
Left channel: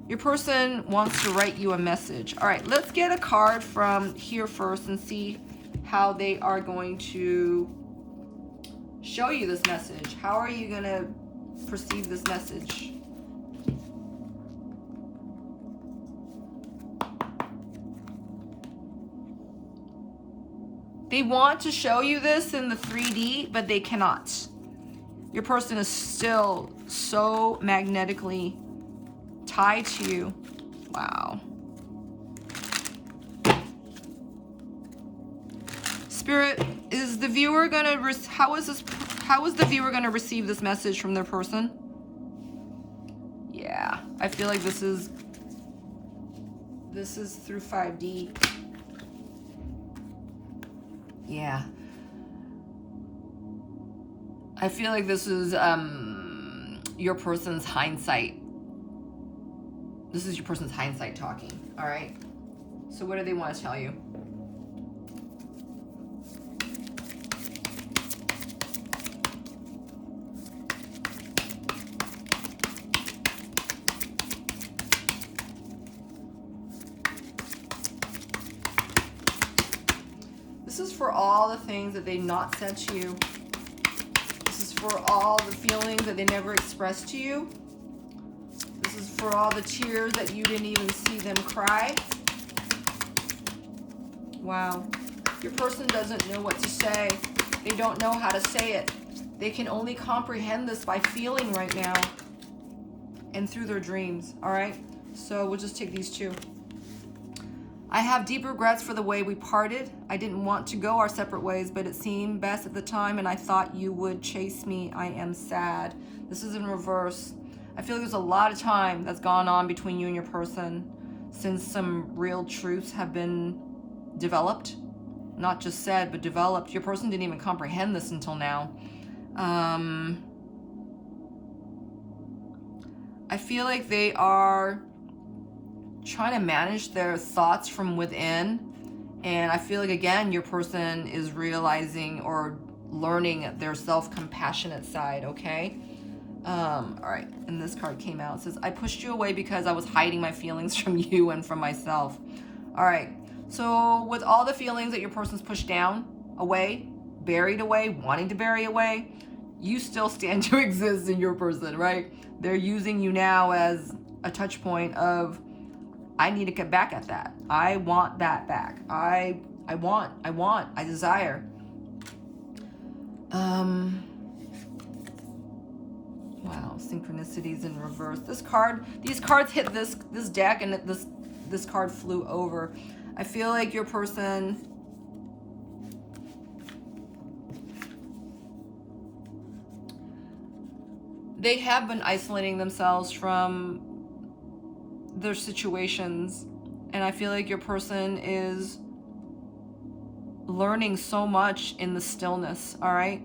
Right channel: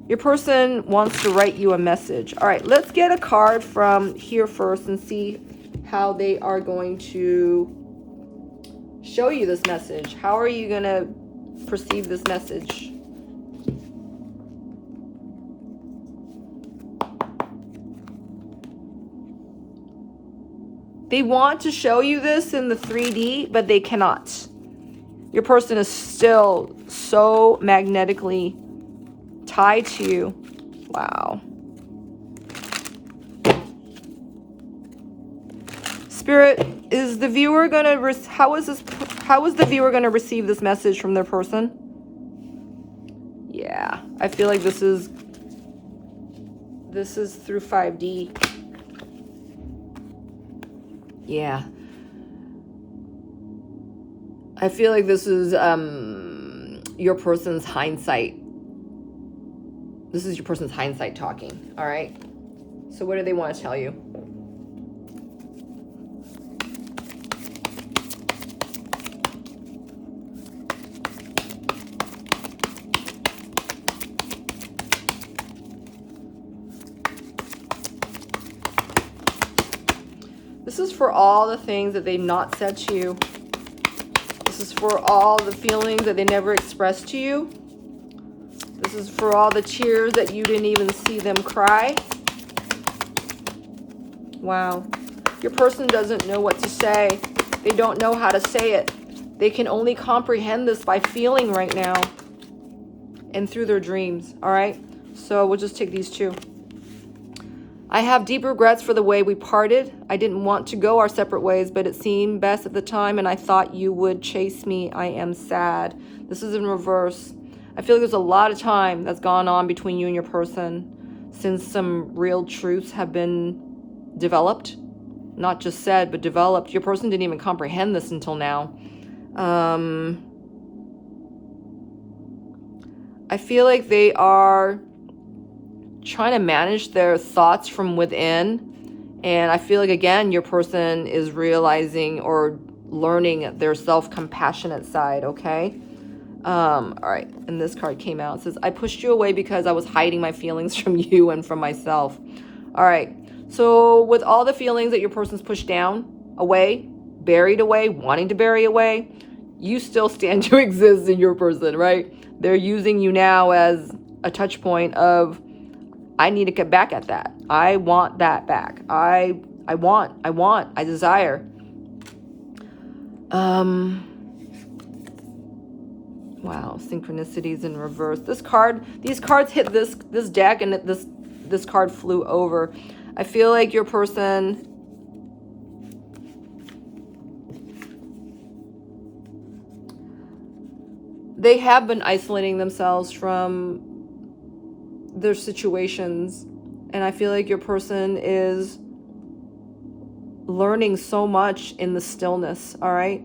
Your person wants to write you a message. All right, let's get a card from here first and see how they are going to show you this message. How are you going to perceive this message? They want to show you this in the 3D, but they cannot. Your person is still so magnetically tied to you. Wow. Spirit, is the viewer gonna how is the viewer gonna receive this message from their person? Yeah, I feel like this is through 5D. Yeah. I feel like this is your person's hindsight. This is your person's hindsight talking, all right? So what do they want to tell you? This is for all the things that they've not said to you. This is for all the feelings that they never expressed to you. This is for all the tears that you didn't even see them cry. Wow. Your person doesn't know what to say. They don't know how to say it. They can only comprehend this by feeling right now and through their dreams, all right? So we'll just take these two. I have deep regrets for the way we parted. I didn't want to go our separate ways, but it seemed best at the time, and I thought you would chase me. I am sad. This is in reverse. I feel like there's a lot of time that's gone on between you and your person since some real truths have been developed. Not just said, but developed. Your person didn't even comprehend this until now. I feel like they are trying to manage their thoughts from within, and I feel like, again, your person is realizing or learning their self-compassionate side. Okay. All right, and this card came out. It says, I pushed you away because I was hiding my feelings from you and from myself. All right, so with all the feelings that your person's pushed down, away, buried away, wanting to bury away, you still stand to exist in your person, right? They're using you now as a touch point of, I need to get back at that. I want that back. I desire. Wow, synchronicities in reverse. These cards hit this deck, and this card flew over. I feel like your person they have been isolating themselves from their situations, and I feel like your person is learning so much in the stillness, all right,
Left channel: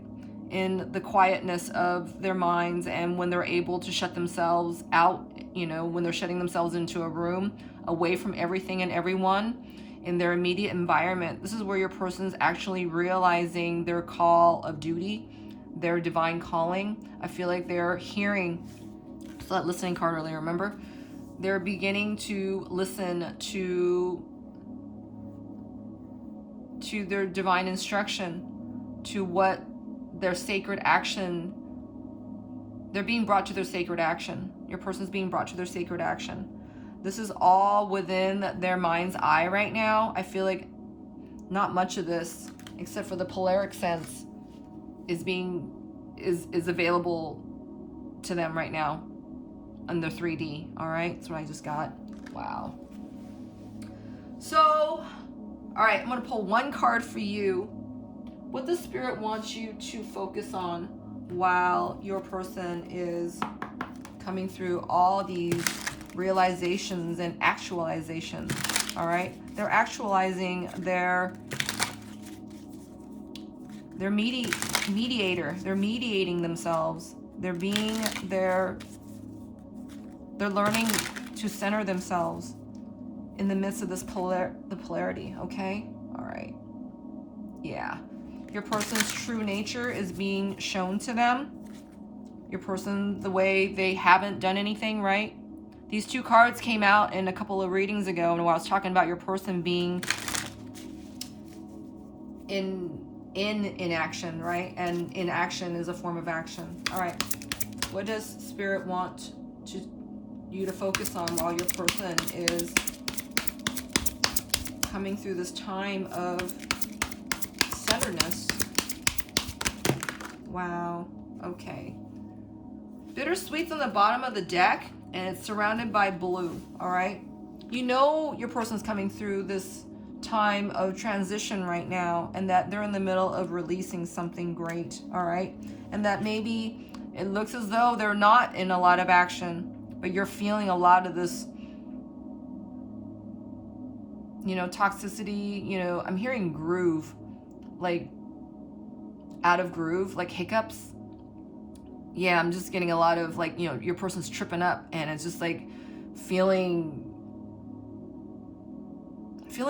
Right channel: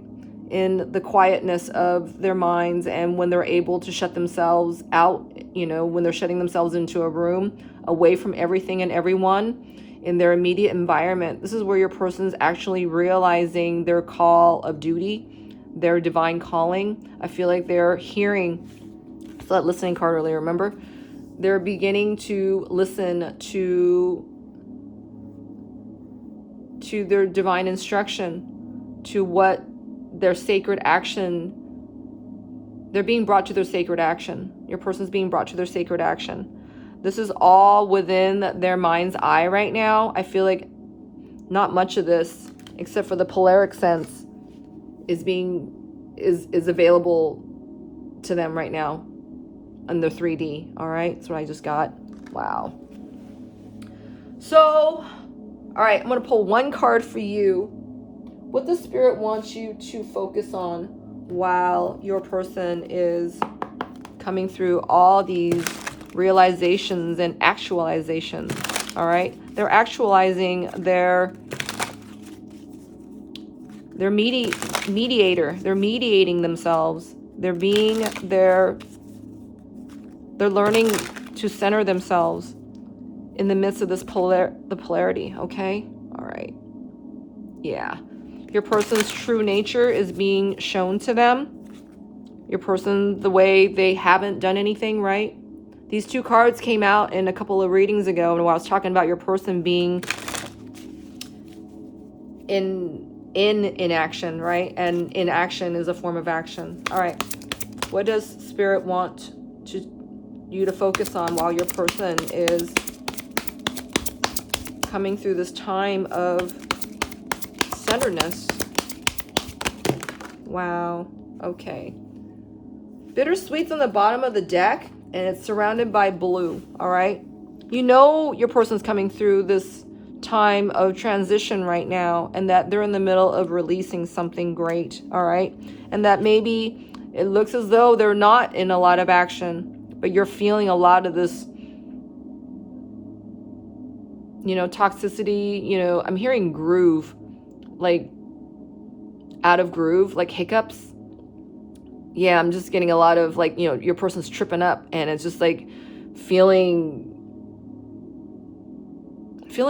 in the quietness of their minds, and when they're able to shut themselves out, you know, when they're shutting themselves into a room away from everything and everyone in their immediate environment. This is where your person's actually realizing their call of duty, their divine calling. I feel like they're hearing that listening card earlier, remember? They're beginning to listen to their divine instruction, to what their sacred action. They're being brought to their sacred action. Your person's being brought to their sacred action. This is all within their mind's eye right now. I feel like not much of this, except for the polaric sense, is available to them right now on the 3D. All right, that's what I just got. Wow. So, all right, I'm gonna pull one card for you. What the Spirit wants you to focus on while your person is coming through all these realizations and actualizations. All right, they're actualizing their mediator. They're mediating themselves. They're learning to center themselves in the midst of this the polarity. Okay, all right, yeah. Your person's true nature is being shown to them. Your person, the way they haven't done anything, right? These two cards came out in a couple of readings ago, and when I was talking about your person being in inaction, right? And inaction is a form of action. All right, what does Spirit want you to focus on while your person is coming through this time of tenderness. Wow. Okay. Bittersweet's on the bottom of the deck, and it's surrounded by blue. All right. You know your person's coming through this time of transition right now, and that they're in the middle of releasing something great. All right. And that maybe it looks as though they're not in a lot of action, but you're feeling a lot of this, you know, toxicity. You know, I'm hearing groove, like out of groove, like hiccups. Yeah, I'm just getting a lot of like, you know, your person's tripping up, and it's just like feeling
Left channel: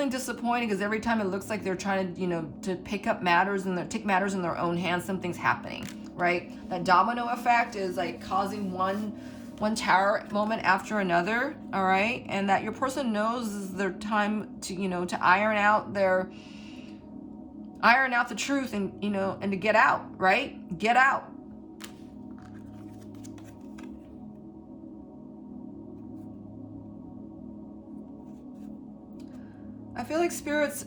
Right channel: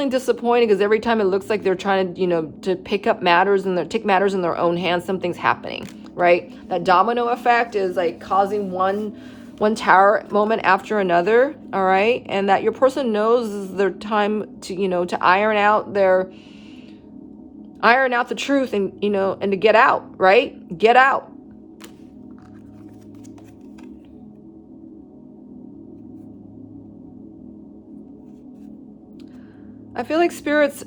disappointed because every time it looks like they're trying to, you know, to pick up matters and take matters in their own hands, something's happening, right? That domino effect is like causing one tower moment after another, all right? And that your person knows is their time to, you know, to iron out the truth, and, you know, and to get out, right? Get out. I feel like Spirit's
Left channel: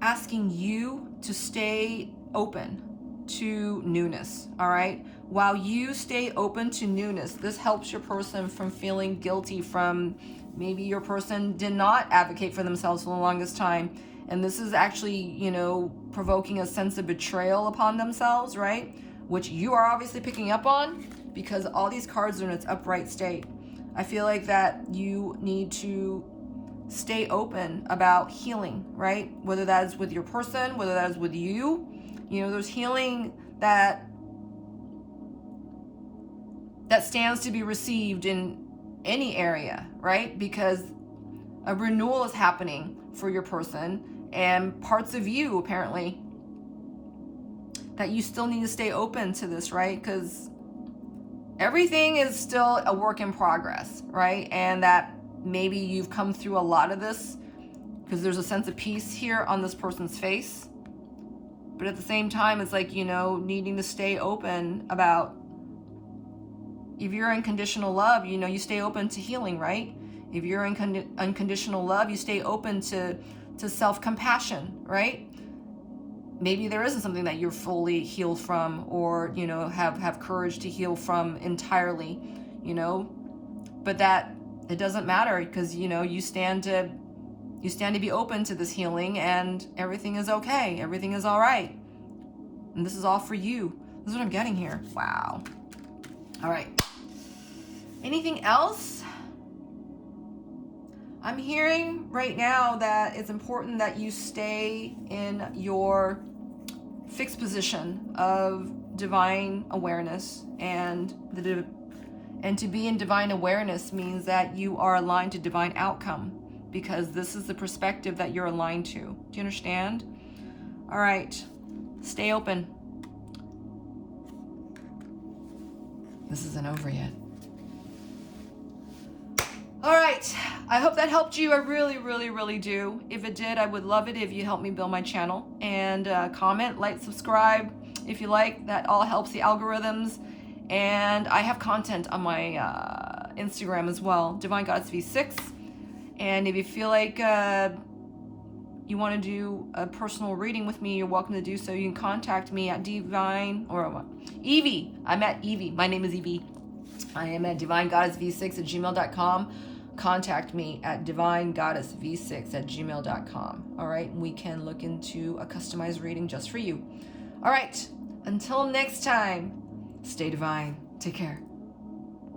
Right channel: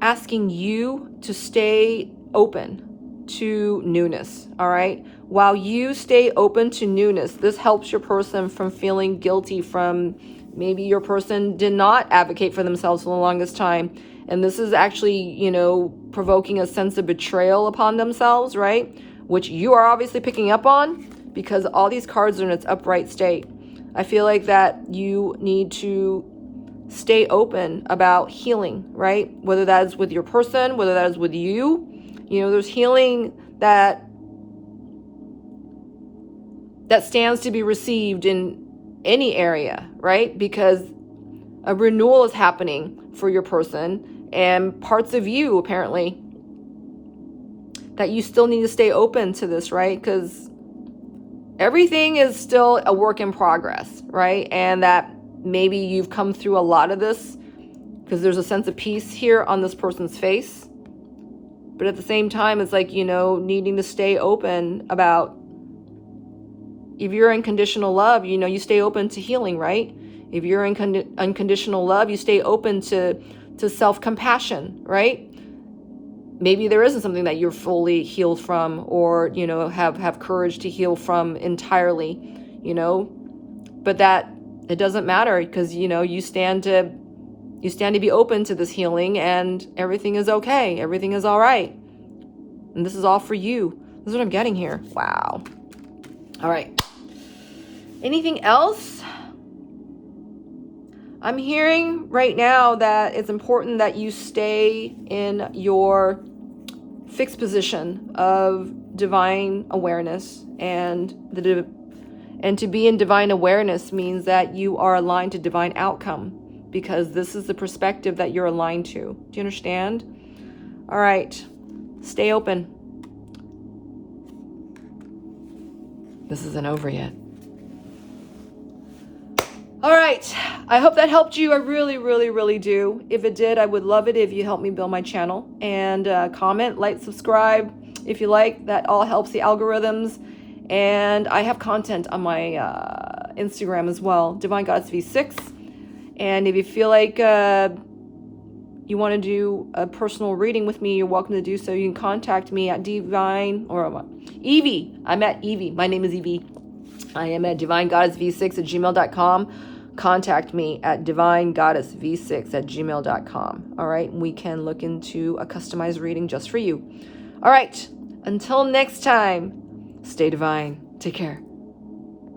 asking you to stay open to newness, all right? While you stay open to newness, this helps your person from feeling guilty from maybe your person did not advocate for themselves for the longest time. And this is actually, you know, provoking a sense of betrayal upon themselves, right? Which you are obviously picking up on because all these cards are in its upright state. I feel like that you need to stay open about healing, right? Whether that is with your person, whether that is with you. You know, there's healing that stands to be received in any area, right? Because a renewal is happening for your person, and parts of you apparently that you still need to stay open to this, right? Because everything is still a work in progress, right? And that maybe you've come through a lot of this because there's a sense of peace here on this person's face. But at the same time, it's like, you know, needing to stay open about, if you're in conditional love, you know, you stay open to healing, right? If you're in unconditional love, you stay open to self-compassion, right? Maybe there isn't something that you're fully healed from, or, you know, have courage to heal from entirely, you know, but that it doesn't matter because, you know, you stand to be open to this healing, and everything is okay. Everything is all right. And this is all for you. This is what I'm getting here. Wow. All right. Anything else? I'm hearing right now that it's important that you stay in your fixed position of divine awareness, and to be in divine awareness means that you are aligned to divine outcome, because this is the perspective that you're aligned to. Do you understand? All right. Stay open. This isn't over yet. All right. I hope that helped you. I really, really, really do. If it did, I would love it if you help me build my channel, and comment, like, subscribe if you like. That all helps the algorithms. And I have content on my Instagram as well, Divine Goddess V6. And if you feel like you want to do a personal reading with me, you're welcome to do so. You can contact me at Evie. I'm at Evie. My name is Evie. I am at divinegoddessv6@gmail.com. Contact me at divinegoddessv6@gmail.com. All right, we can look into a customized reading just for you. All right, until next time, stay divine. Take care.